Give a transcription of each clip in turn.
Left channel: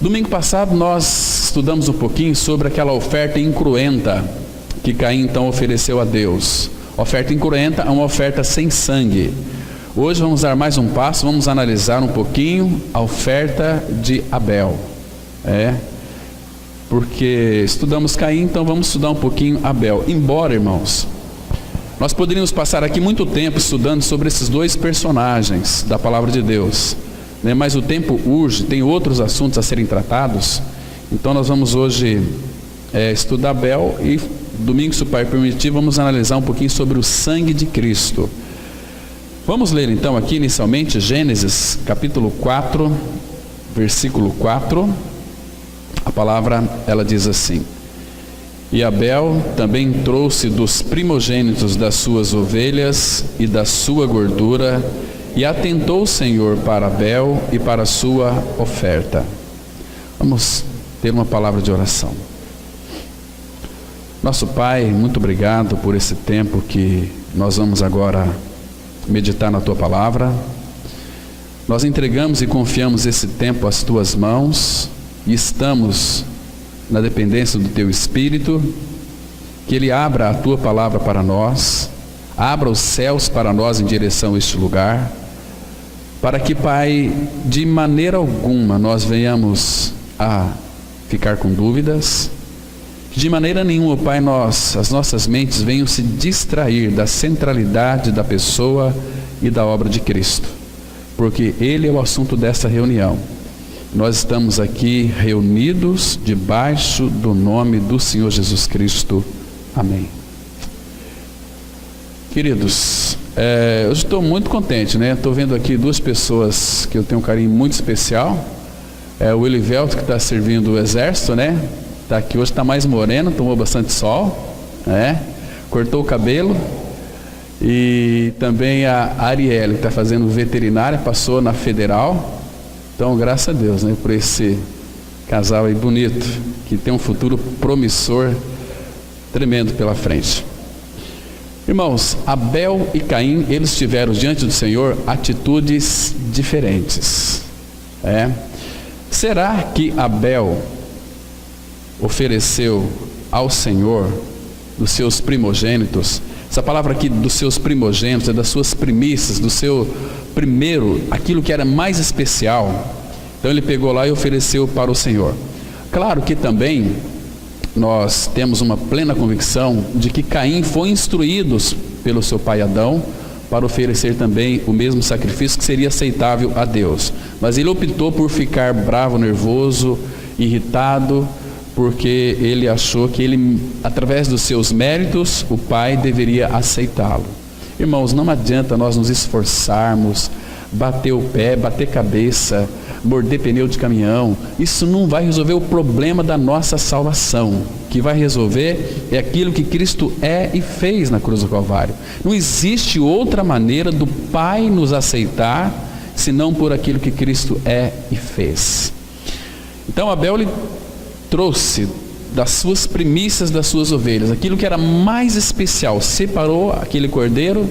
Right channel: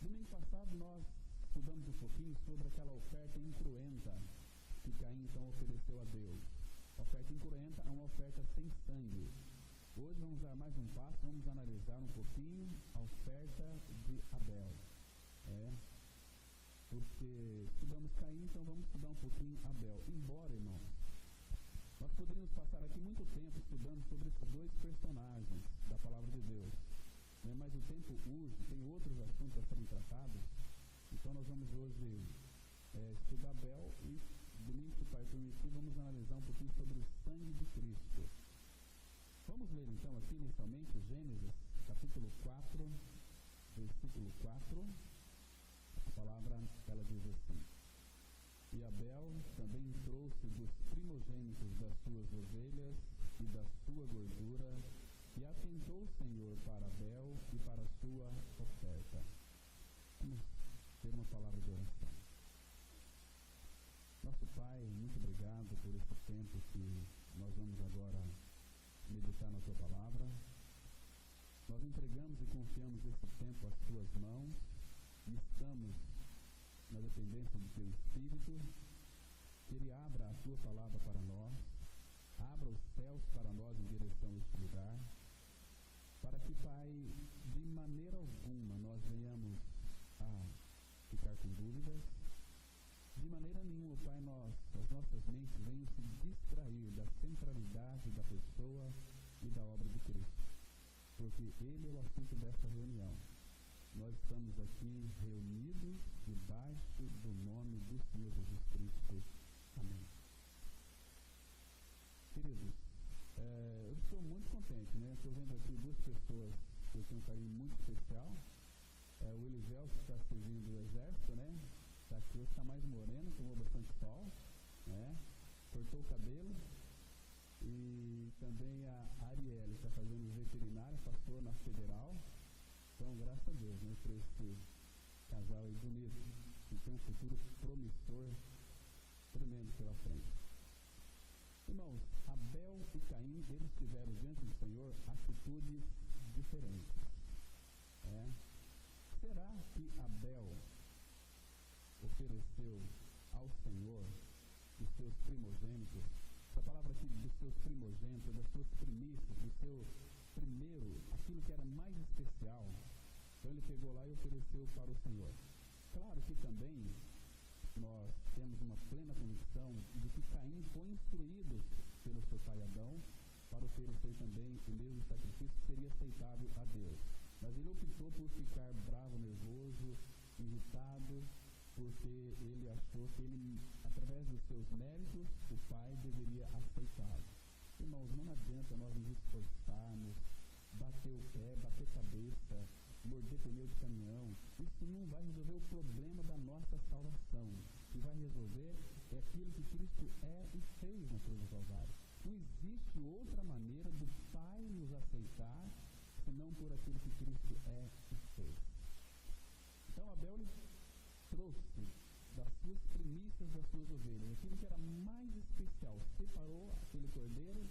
Domingo passado nós estudamos um pouquinho sobre aquela oferta incruenta que Caim então ofereceu a Deus. Oferta incruenta é uma oferta sem sangue. Hoje vamos dar mais um passo, vamos analisar um pouquinho a oferta de Abel. Porque estudamos Caim, então vamos estudar um pouquinho Abel. Embora, irmãos, nós poderíamos passar aqui muito tempo estudando sobre esses dois personagens da palavra de Deus, mas o tempo urge, tem outros assuntos a serem tratados. Então nós vamos hoje estudar Abel e domingo, se o Pai permitir, vamos analisar um pouquinho sobre o sangue de Cristo. Vamos ler então aqui inicialmente Gênesis capítulo 4, versículo 4. A palavra, ela diz assim: E Abel também trouxe dos primogênitos das suas ovelhas e da sua gordura, e atentou o Senhor para Abel e para a sua oferta. Vamos ter uma palavra de oração. Nosso Pai, muito obrigado por esse tempo que nós vamos agora meditar na Tua Palavra. Nós entregamos e confiamos esse tempo às Tuas mãos e estamos na dependência do Teu Espírito, que Ele abra a Tua Palavra para nós, abra os céus para nós em direção a este lugar, para que, Pai, de maneira alguma nós venhamos a ficar com dúvidas, que de maneira nenhuma, Pai, as nossas mentes venham se distrair da centralidade da pessoa e da obra de Cristo, porque Ele é o assunto dessa reunião. Nós estamos aqui reunidos debaixo do nome do Senhor Jesus Cristo. Amém. Queridos, eu estou muito contente, Estou vendo aqui duas pessoas que eu tenho um carinho muito especial. O Elivelto, que está servindo o exército, Está aqui hoje, está mais moreno, tomou bastante sol, Cortou o cabelo. E também a Arielle, que está fazendo veterinária, passou na federal. Então, graças a Deus, por esse casal aí bonito, que tem um futuro promissor, tremendo pela frente. Irmãos, Abel e Caim, eles tiveram diante do Senhor atitudes diferentes. Será que Abel ofereceu ao Senhor dos seus primogênitos? Essa palavra aqui, dos seus primogênitos, é das suas primícias, do seu primeiro, aquilo que era mais especial. Então ele pegou lá e ofereceu para o Senhor. Claro que também nós temos uma plena convicção de que Caim foi instruído pelo seu pai Adão para oferecer também o mesmo sacrifício que seria aceitável a Deus. Mas ele optou por ficar bravo, nervoso, irritado, porque ele achou que ele, através dos seus méritos, o pai deveria aceitá-lo. Irmãos, não adianta nós nos esforçarmos, bater o pé, bater cabeça, morder pneu de caminhão. Isso não vai resolver o problema da nossa salvação. O que vai resolver é aquilo que Cristo é e fez na cruz do Calvário. Não existe outra maneira do Pai nos aceitar, senão por aquilo que Cristo é e fez. Então Abel, ele trouxe das suas primícias das suas ovelhas, aquilo que era mais especial, separou aquele cordeiro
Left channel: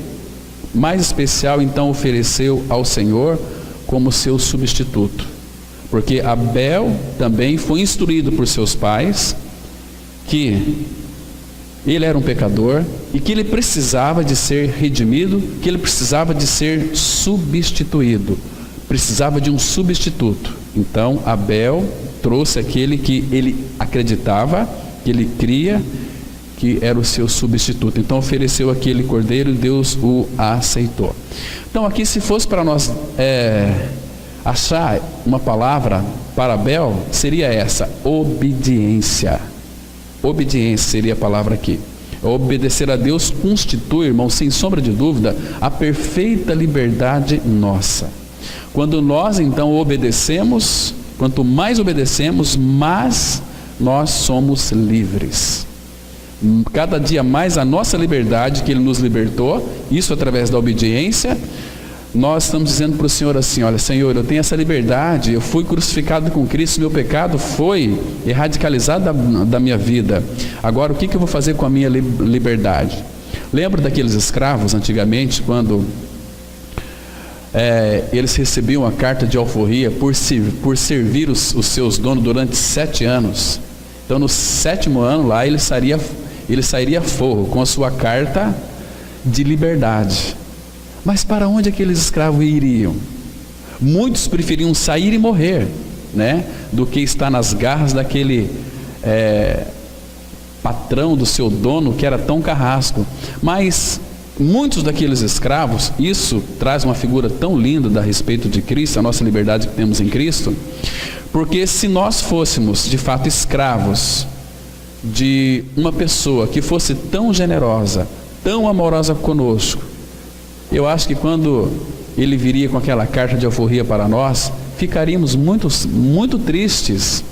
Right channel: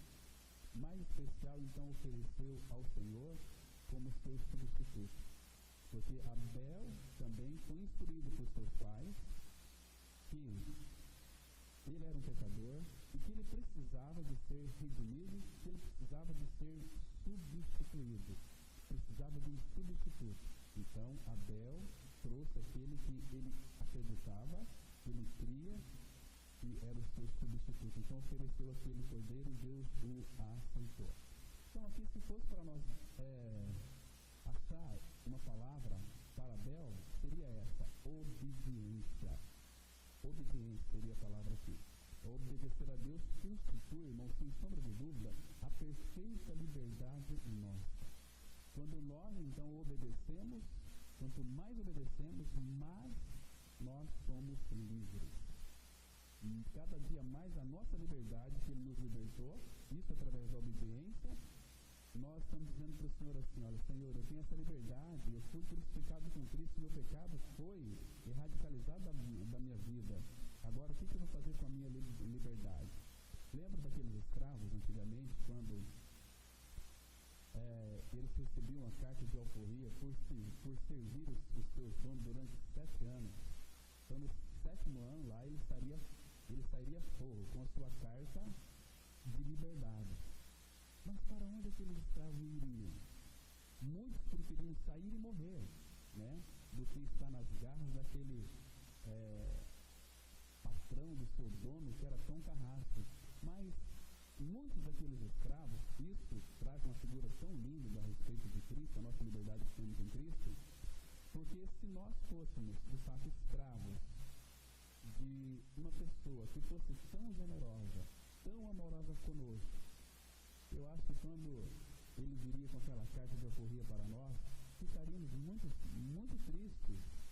mais especial, então ofereceu ao Senhor como seu substituto, porque Abel também foi instruído por seus pais que ele era um pecador e que ele precisava de ser redimido, que ele precisava de ser substituído, precisava de um substituto. Então Abel trouxe aquele que ele acreditava, que ele cria que era o seu substituto. Então ofereceu aquele cordeiro e Deus o aceitou. Então aqui, se fosse para nós achar uma palavra para Abel, seria essa: obediência. Obediência seria a palavra aqui. Obedecer a Deus constitui, irmão, sem sombra de dúvida, a perfeita liberdade nossa. Quando nós então obedecemos, quanto mais obedecemos, mais nós somos livres. Cada dia mais a nossa liberdade que Ele nos libertou, isso através da obediência, nós estamos dizendo para o Senhor assim: olha, Senhor, eu tenho essa liberdade, eu fui crucificado com Cristo, meu pecado foi radicalizado da minha vida. Agora o que eu vou fazer com a minha liberdade? Lembra daqueles escravos antigamente, quando eles recebiam a carta de alforria por servir os seus donos durante 7 anos. Então no 7º ano lá ele sairia forro com a sua carta de liberdade. Mas para onde aqueles escravos iriam? Muitos preferiam sair e morrer, né, do que estar nas garras daquele patrão, do seu dono, que era tão carrasco. Mas muitos daqueles escravos, isso traz uma figura tão linda a respeito de Cristo, a nossa liberdade que temos em Cristo, porque se nós fôssemos de fato escravos de uma pessoa que fosse tão generosa, tão amorosa conosco, eu acho que quando ele viria com aquela carta de alforria para nós, ficaríamos muito tristes,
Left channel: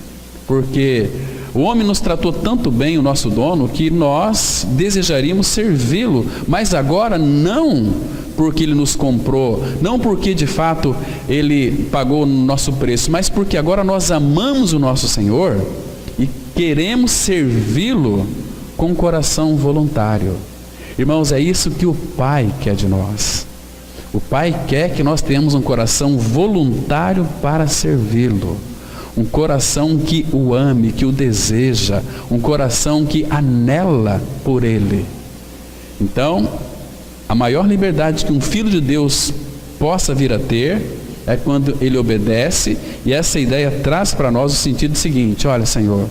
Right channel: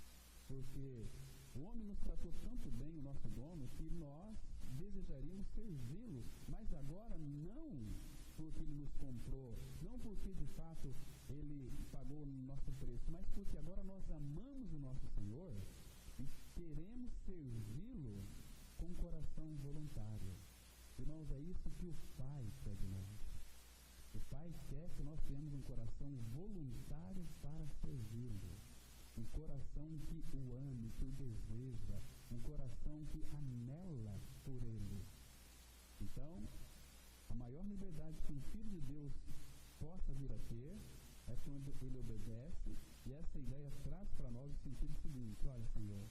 porque o homem nos tratou tanto bem, o nosso dono, que nós desejaríamos servi-lo, mas agora não porque ele nos comprou, não porque de fato ele pagou o nosso preço, mas porque agora nós amamos o nosso Senhor e queremos servi-lo com coração voluntário. Irmãos, é isso que o Pai quer de nós. O Pai quer que nós tenhamos um coração voluntário para servi-lo. Um coração que o ame, que o deseja, um coração que anela por Ele. Então, a maior liberdade que um filho de Deus possa vir a ter é quando ele obedece, e essa ideia traz para nós o sentido seguinte: olha, Senhor,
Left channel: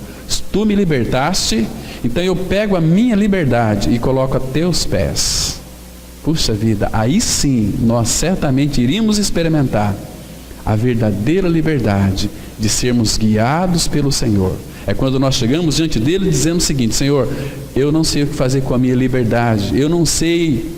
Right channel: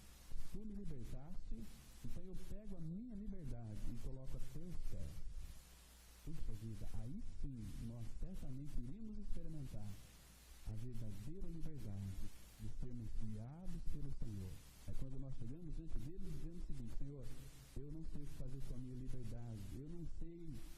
tu me libertaste, então eu pego a minha liberdade e coloco a teus pés. Puxa vida, aí sim nós certamente iríamos experimentar a verdadeira liberdade de sermos guiados pelo Senhor. É quando nós chegamos diante dele dizendo o seguinte: Senhor, eu não sei o que fazer com a minha liberdade, eu não sei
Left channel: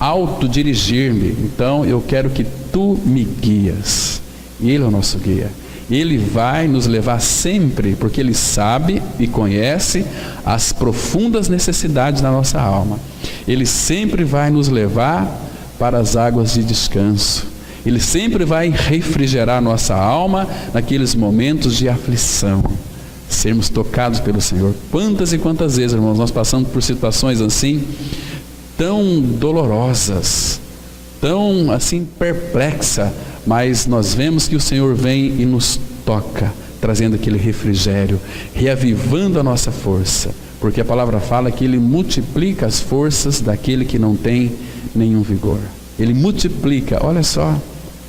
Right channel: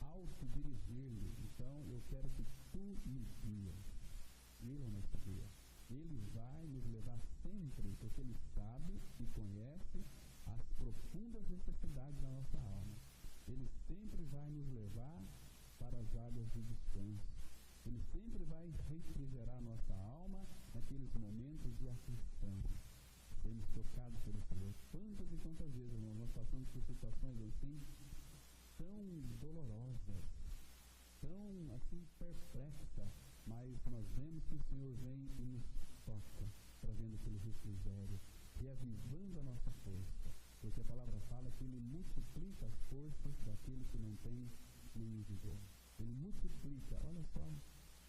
autodirigir-me, então eu quero que tu me guias. E ele é o nosso guia. Ele vai nos levar sempre, porque ele sabe e conhece as profundas necessidades da nossa alma. Ele sempre vai nos levar para as águas de descanso. Ele sempre vai refrigerar nossa alma naqueles momentos de aflição, sermos tocados pelo Senhor. Quantas e quantas vezes, irmãos, nós passamos por situações assim, tão dolorosas, tão assim perplexa, mas nós vemos que o Senhor vem e nos toca, trazendo aquele refrigério, reavivando a nossa força, porque a palavra fala que Ele multiplica as forças daquele que não tem nenhum vigor. Ele multiplica, olha só,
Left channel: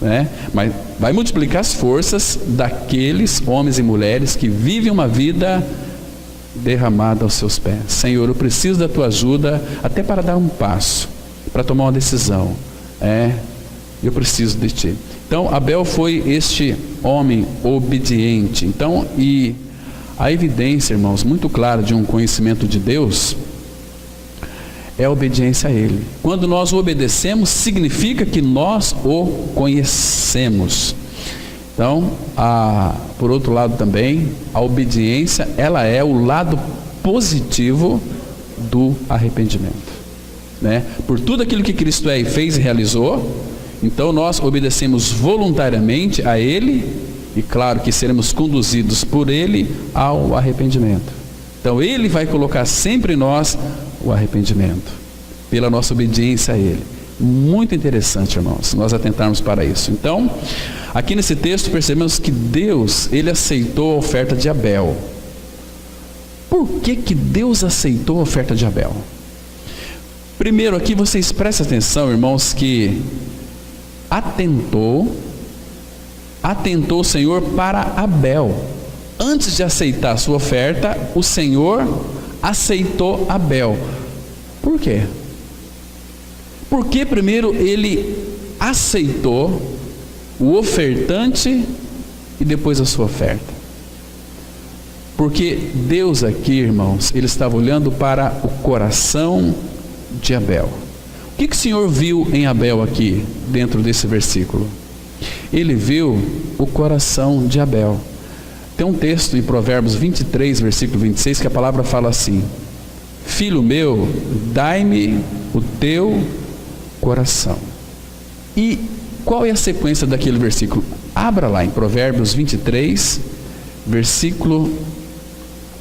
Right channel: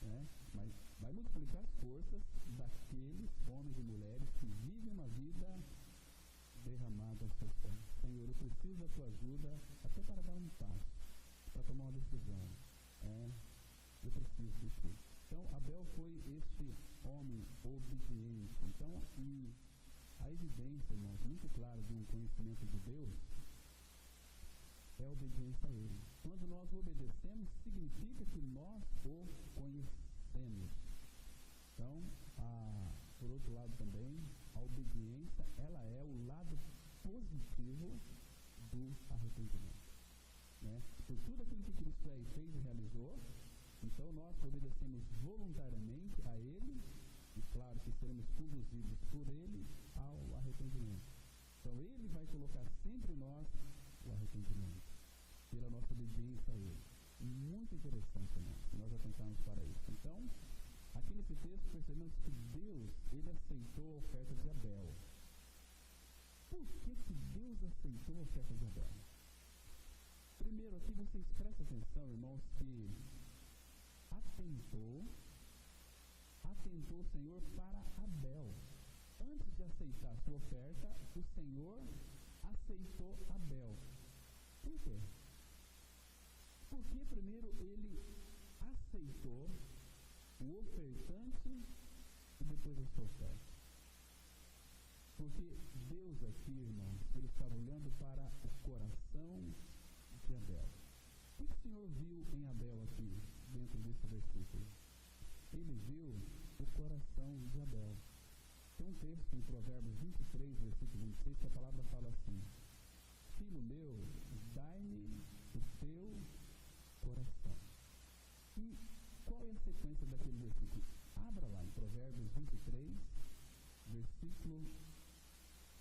né? Mas vai multiplicar as forças daqueles homens e mulheres que vivem uma vida derramada aos seus pés. Senhor, eu preciso da tua ajuda até para dar um passo, para tomar uma decisão. Eu preciso de ti. Então Abel foi este homem obediente. Então, e a evidência, irmãos, muito clara de um conhecimento de Deus é a obediência a Ele. Quando nós o obedecemos, significa que nós o conhecemos. Então, por outro lado também, a obediência, ela é o lado positivo do arrependimento, né? Por tudo aquilo que Cristo é e fez e realizou, então nós obedecemos voluntariamente a Ele, e claro que seremos conduzidos por Ele ao arrependimento. Então Ele vai colocar sempre em nós o arrependimento, pela nossa obediência a Ele. Muito interessante, irmãos, nós atentarmos para isso. Então, aqui nesse texto percebemos que Deus, Ele aceitou a oferta de Abel. Por que Deus aceitou a oferta de Abel? Primeiro aqui vocês prestem atenção, irmãos, que atentou o Senhor para Abel. Antes de aceitar a sua oferta, o Senhor aceitou Abel. Por quê? Porque primeiro Ele aceitou o ofertante e depois a sua oferta. Porque Deus aqui, irmãos, Ele estava olhando para o coração de Abel. O que o Senhor viu em Abel aqui, dentro desse versículo? Ele viu o coração de Abel. Tem um texto em Provérbios 23, versículo 26, que a palavra fala assim: filho meu, dai-me o teu coração. E qual é a sequência daquele versículo? Abra lá em Provérbios 23, versículo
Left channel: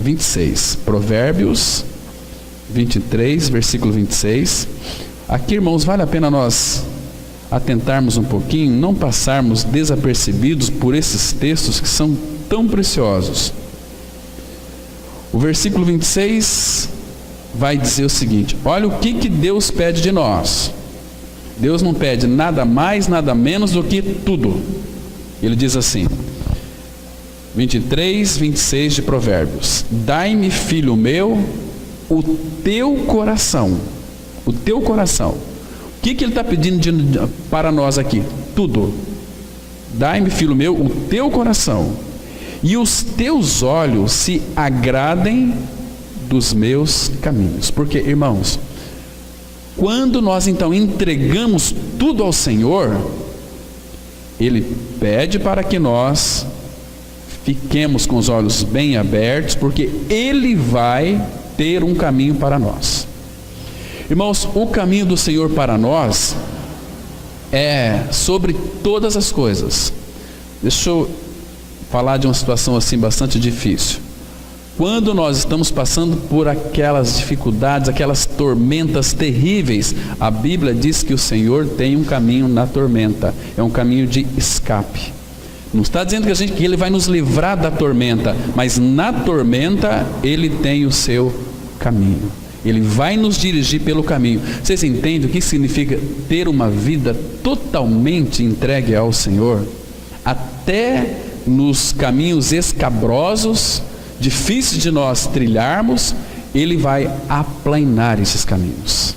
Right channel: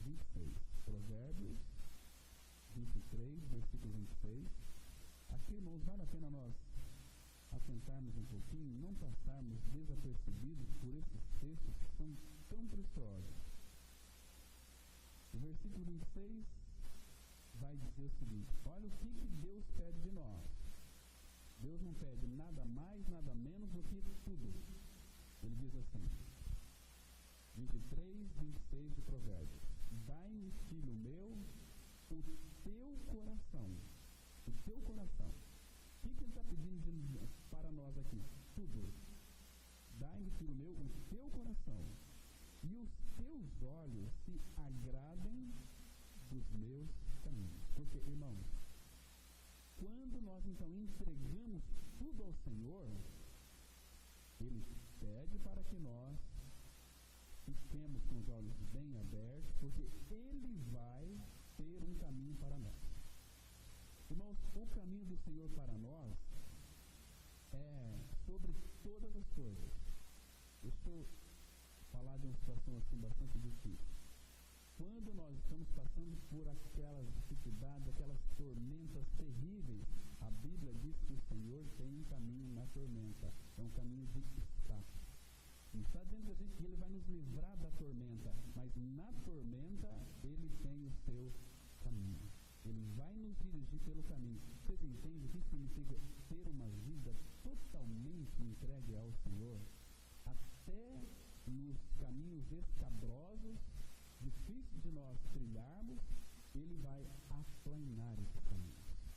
26. Provérbios 23, versículo 26. Aqui, irmãos, vale a pena nós atentarmos um pouquinho, não passarmos desapercebidos por esses textos que são tão preciosos. O versículo 26 vai dizer o seguinte: olha o que Deus pede de nós. Deus não pede nada mais, nada menos do que tudo. Ele diz assim, 23, 26 de Provérbios: dai-me, filho meu, o teu coração. O teu coração. O que ele está pedindo para nós aqui? Tudo. Dai-me, filho meu, o teu coração, e os teus olhos se agradem dos meus caminhos. Porque, irmãos, quando nós então entregamos tudo ao Senhor, Ele pede para que nós fiquemos com os olhos bem abertos, porque Ele vai ter um caminho para nós. Irmãos, o caminho do Senhor para nós é sobre todas as coisas. Deixa eu falar de uma situação assim bastante difícil. Quando nós estamos passando por aquelas dificuldades, aquelas tormentas terríveis, a Bíblia diz que o Senhor tem um caminho na tormenta, é um caminho de escape. Não está dizendo que Ele vai nos livrar da tormenta, mas na tormenta Ele tem o seu caminho. Ele vai nos dirigir pelo caminho. Vocês entendem o que significa ter uma vida totalmente entregue ao Senhor? Até nos caminhos escabrosos, difíceis de nós trilharmos, Ele vai aplanar esses caminhos.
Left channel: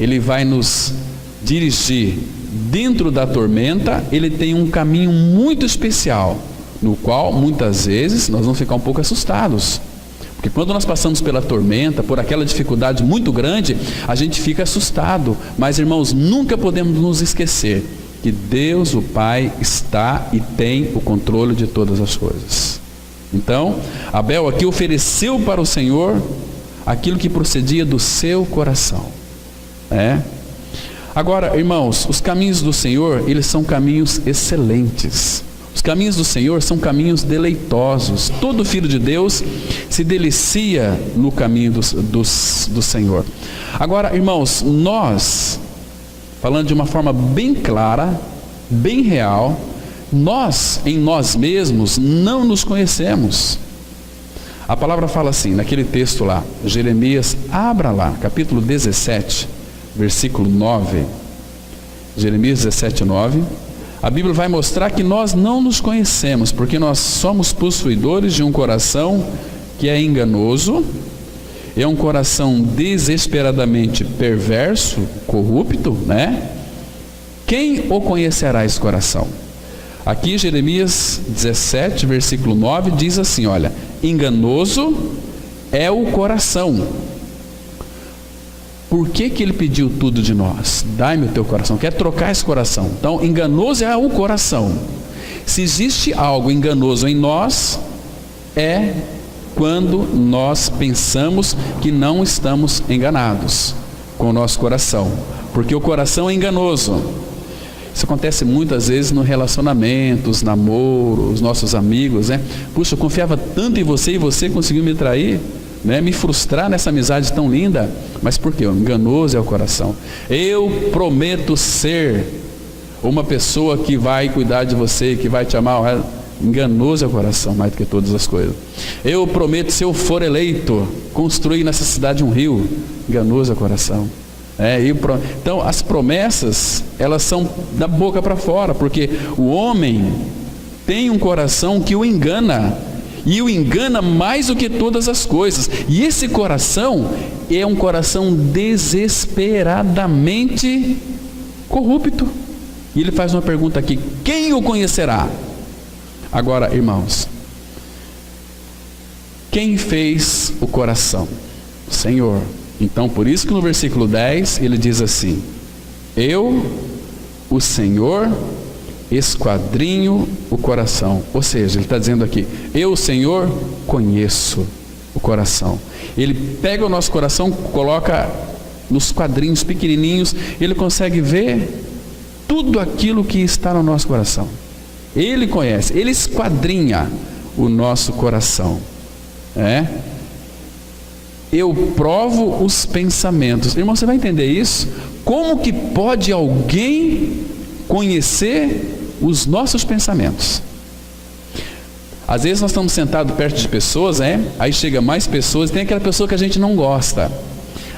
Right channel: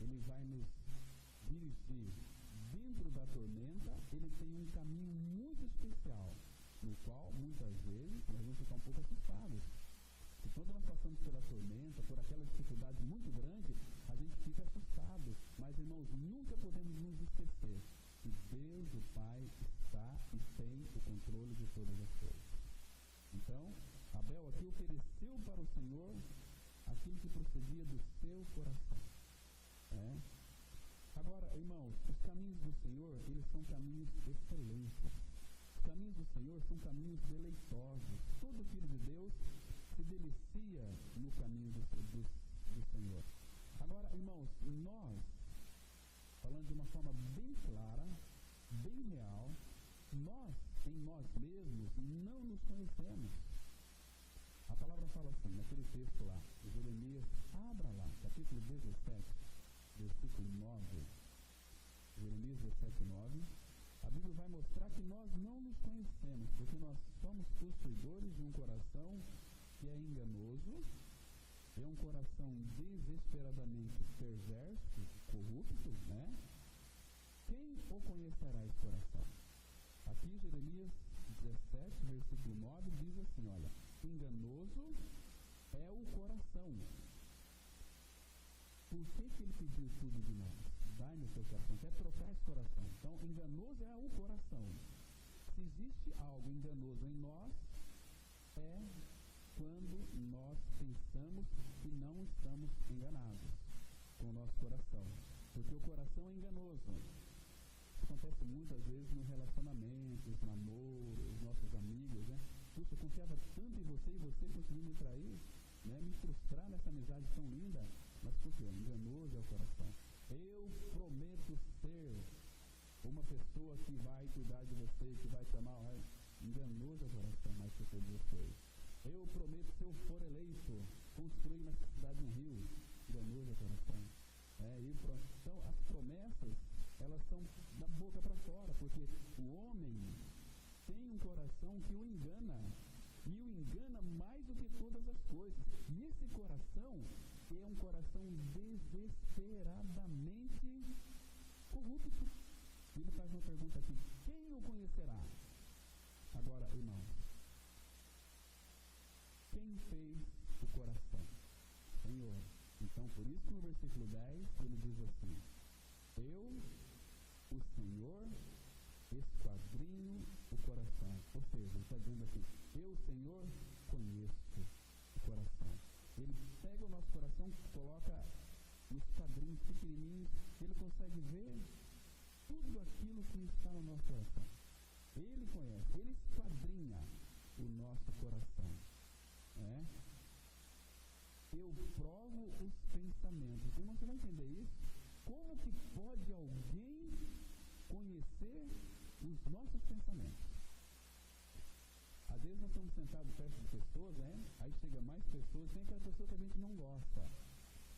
Ele vai nos dirigir dentro da tormenta. Ele tem um caminho muito especial, no qual muitas vezes nós vamos ficar um pouco assustados. Porque quando nós passamos pela tormenta, por aquela dificuldade muito grande, a gente fica assustado. Mas, irmãos, nunca podemos nos esquecer que Deus, o Pai, está e tem o controle de todas as coisas. Então, Abel aqui ofereceu para o Senhor aquilo que procedia do seu coração. Agora, irmãos, os caminhos do Senhor, eles são caminhos excelentes. Os caminhos do Senhor são caminhos deleitosos. Todo filho de Deus se delicia no caminho do Senhor. Agora, irmãos, nós, falando de uma forma bem clara, bem real, nós, em nós mesmos, não nos conhecemos. A palavra fala assim, naquele texto lá, Jeremias, abra lá, capítulo 17, versículo 9. Jeremias 17, 9. A Bíblia vai mostrar que nós não nos conhecemos, porque nós somos possuidores de um coração que é enganoso, é um coração desesperadamente perverso, corrupto, Quem o conhecerá esse coração? Aqui Jeremias 17, versículo 9, diz assim, olha: enganoso é o coração. Por que Ele pediu tudo de nós? Dai-me o teu coração. Quer trocar esse coração. Então, enganoso é o coração. Se existe algo enganoso em nós, é quando nós pensamos que não estamos enganados com o nosso coração. Porque o coração é enganoso. Isso acontece muitas vezes no relacionamento, os namoros, os nossos amigos, Puxa, eu confiava tanto em você e você conseguiu me trair, me frustrar nessa amizade tão linda. Mas por quê? Enganoso é o coração. Eu prometo ser uma pessoa que vai cuidar de você, que vai te amar. Enganoso é o coração mais do que todas as coisas. Eu prometo, se eu for eleito, construir nessa cidade um rio. Enganoso é o coração. Então as promessas, elas são da boca para fora, porque o homem tem um coração que o engana, e o engana mais do que todas as coisas. E esse coração é um coração desesperadamente corrupto. E ele faz uma pergunta aqui: quem o conhecerá? Agora, irmãos, quem fez o coração? O Senhor. Então, por isso que no versículo 10 ele diz assim: eu, o Senhor, esquadrinho o coração. Ou seja, ele está dizendo aqui: eu, o Senhor, conheço o coração. Ele pega o nosso coração, coloca nos quadrinhos pequenininhos, ele consegue ver tudo aquilo que está no nosso coração. Ele conhece, ele esquadrinha o nosso coração. Eu provo os pensamentos. Irmão, você vai entender isso? Como que pode alguém conhecer os nossos pensamentos. Às vezes nós estamos sentados perto de pessoas, aí chega mais pessoas, tem aquela pessoa que a gente não gosta.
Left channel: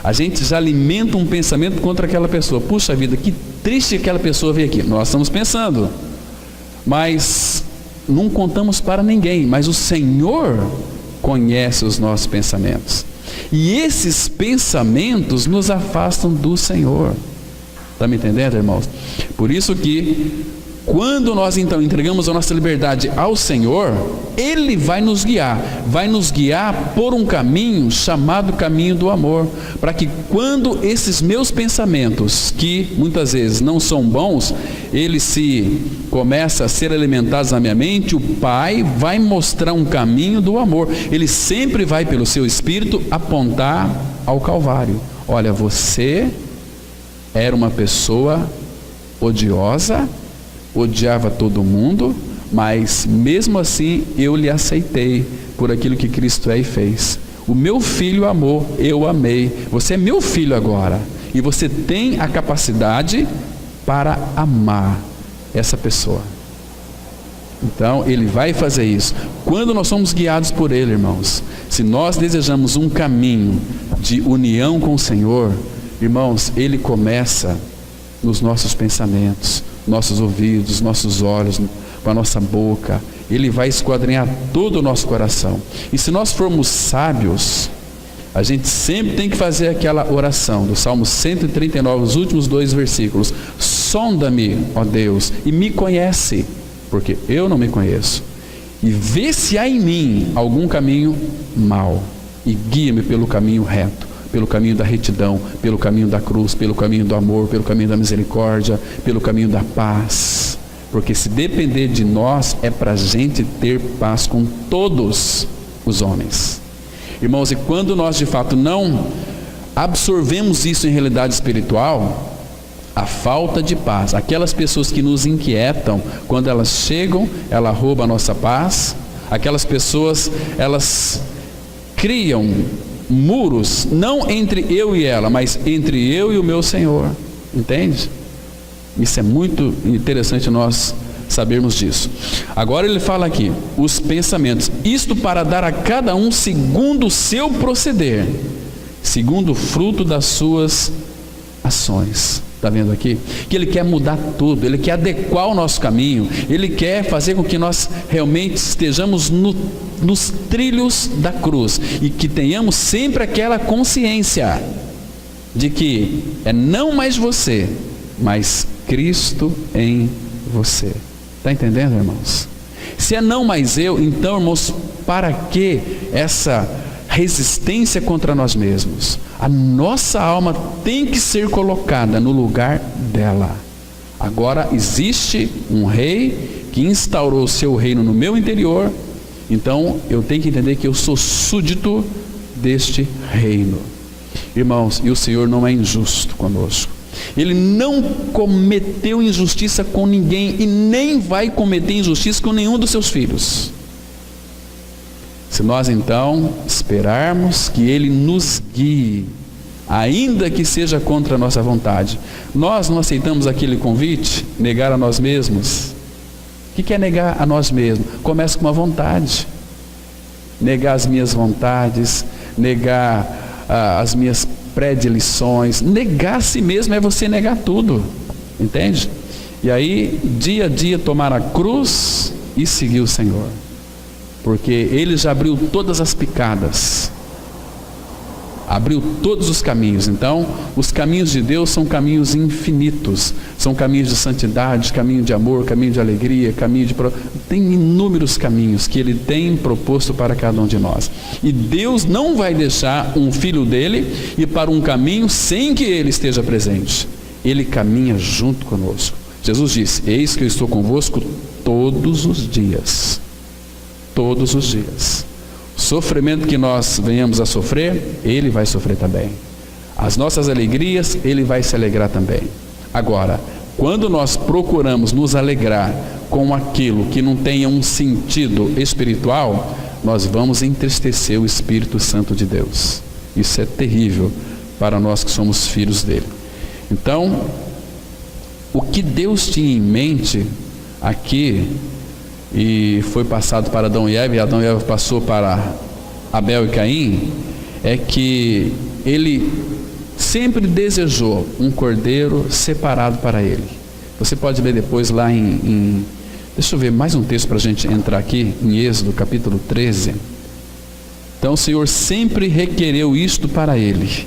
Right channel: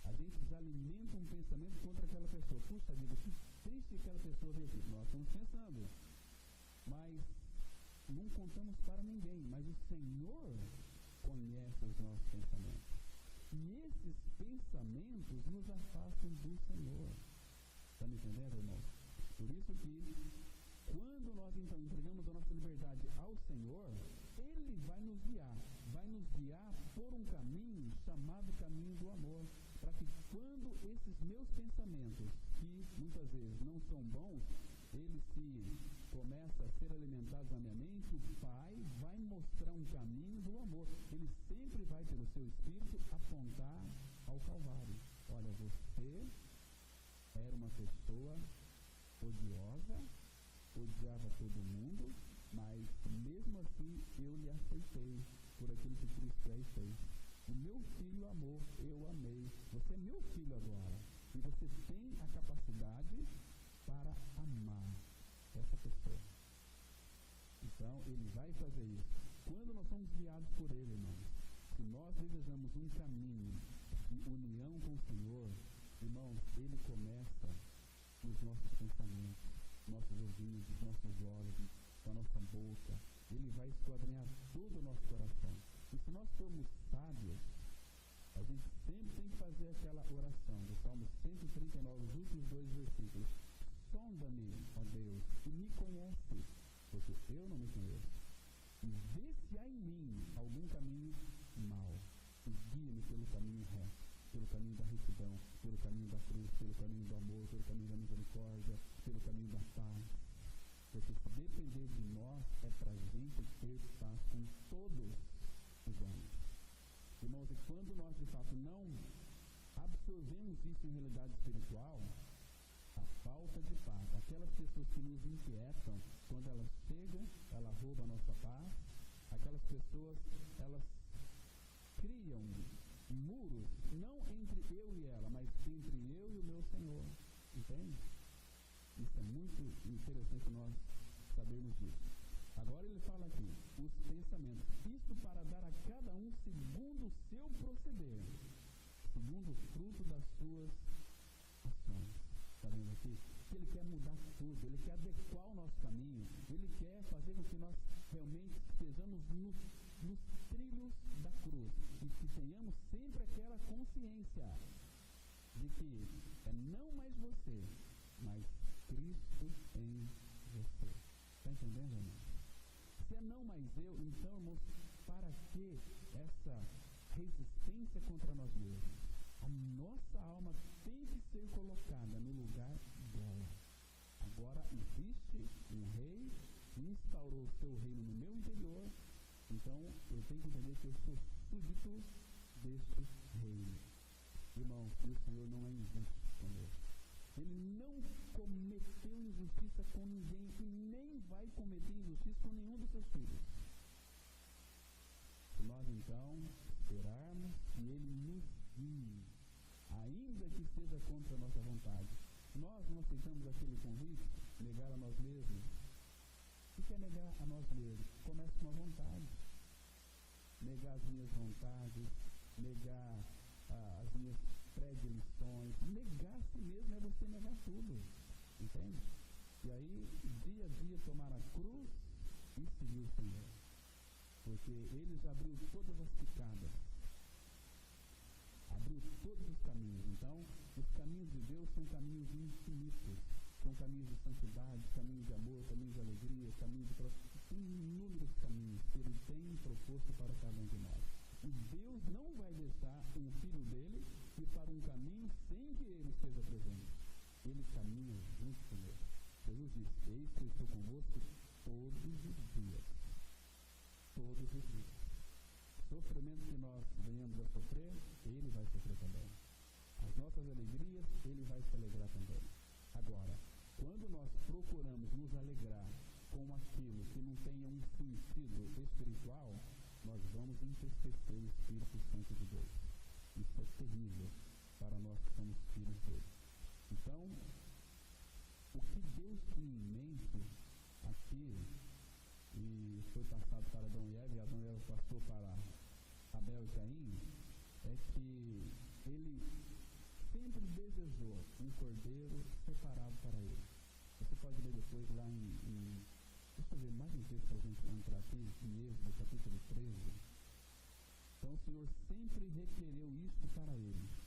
A gente já alimenta um pensamento contra aquela pessoa. Puxa vida, que triste aquela pessoa veio aqui. Nós estamos pensando, mas não contamos para ninguém. Mas o Senhor conhece os nossos pensamentos. E esses pensamentos nos afastam do Senhor. Está me entendendo, irmãos? Por isso que quando nós então entregamos a nossa liberdade ao Senhor, Ele vai nos guiar por um caminho chamado caminho do amor, para que quando esses meus pensamentos, que muitas vezes não são bons, eles começam a ser alimentados na minha mente, o Pai vai mostrar um caminho do amor. Ele sempre vai pelo seu Espírito apontar ao Calvário. Olha, você era uma pessoa odiosa, odiava todo mundo, mas mesmo assim eu lhe aceitei por aquilo que Cristo é e fez. O meu filho amou, eu amei. Você é meu filho agora, e você tem a capacidade para amar essa pessoa. Então Ele vai fazer isso. Quando nós somos guiados por Ele, irmãos, se nós desejamos um caminho de união com o Senhor, irmãos, Ele começa nos nossos pensamentos, nossos ouvidos, nossos olhos, com a nossa boca. Ele vai esquadrinhar todo o nosso coração. E se nós formos sábios, a gente sempre tem que fazer aquela oração do Salmo 139, os últimos 2 versículos. Sonda-me, ó Deus, e me conhece, porque eu não me conheço. E vê se há em mim algum caminho mau, e guia-me pelo caminho reto, pelo caminho da retidão, pelo caminho da cruz, pelo caminho do amor, pelo caminho da misericórdia, pelo caminho da paz. Porque se depender de nós, é para a gente ter paz com todos os homens. Irmãos, e quando nós de fato não absorvemos isso em realidade espiritual, a falta de paz, aquelas pessoas que nos inquietam, quando elas chegam, ela rouba a nossa paz. Aquelas pessoas, elas criam muros, não entre eu e ela, mas entre eu e o meu Senhor. Entende? Isso é muito interessante nós sabermos disso. Agora ele fala aqui, os pensamentos, isto para dar a cada um segundo o seu proceder, segundo o fruto das suas ações. Está vendo aqui? Que Ele quer mudar tudo, Ele quer adequar o nosso caminho, Ele quer fazer com que nós realmente estejamos nos trilhos da cruz, e que tenhamos sempre aquela consciência de que é não mais você, mas Cristo em você. Está entendendo, irmãos? Se é não mais eu, então, irmãos, para que essa resistência contra nós mesmos? A nossa alma tem que ser colocada no lugar dela. Agora existe um rei que instaurou o seu reino no meu interior, então eu tenho que entender que eu sou súdito deste reino. Irmãos, e o Senhor não é injusto conosco. Ele não cometeu injustiça com ninguém e nem vai cometer injustiça com nenhum dos seus filhos. Se nós então esperarmos que Ele nos guie, ainda que seja contra a nossa vontade, nós não aceitamos aquele convite, negar a nós mesmos. O que é negar a nós mesmos? Começa com uma vontade. Negar as minhas vontades, negar as minhas predileções. Negar a si mesmo é você negar tudo, entende? E aí, dia a dia, tomar a cruz e seguir o Senhor. Porque Ele já abriu todas as picadas, abriu todos os caminhos. Então, os caminhos de Deus são caminhos infinitos, são caminhos de santidade, caminho de amor, caminho de alegria, caminho de... Tem inúmeros caminhos que Ele tem proposto para cada um de nós. E Deus não vai deixar um filho dele ir para um caminho sem que Ele esteja presente. Ele caminha junto conosco. Jesus disse: eis que eu estou convosco todos os dias. Todos os dias. O sofrimento que nós venhamos a sofrer, Ele vai sofrer também. As nossas alegrias, Ele vai se alegrar também. Agora, quando nós procuramos nos alegrar com aquilo que não tenha um sentido espiritual, nós vamos entristecer o Espírito Santo de Deus. Isso é terrível para nós que somos filhos dele. Então, o que Deus tinha em mente aqui, e foi passado para Adão e Eva, e Adão e Eva passou para Abel e Caim, é que ele sempre desejou um cordeiro separado para ele. Você pode ler depois lá deixa eu ver mais um texto para a gente entrar aqui, em Êxodo capítulo 13. Então o Senhor sempre requereu isto para ele,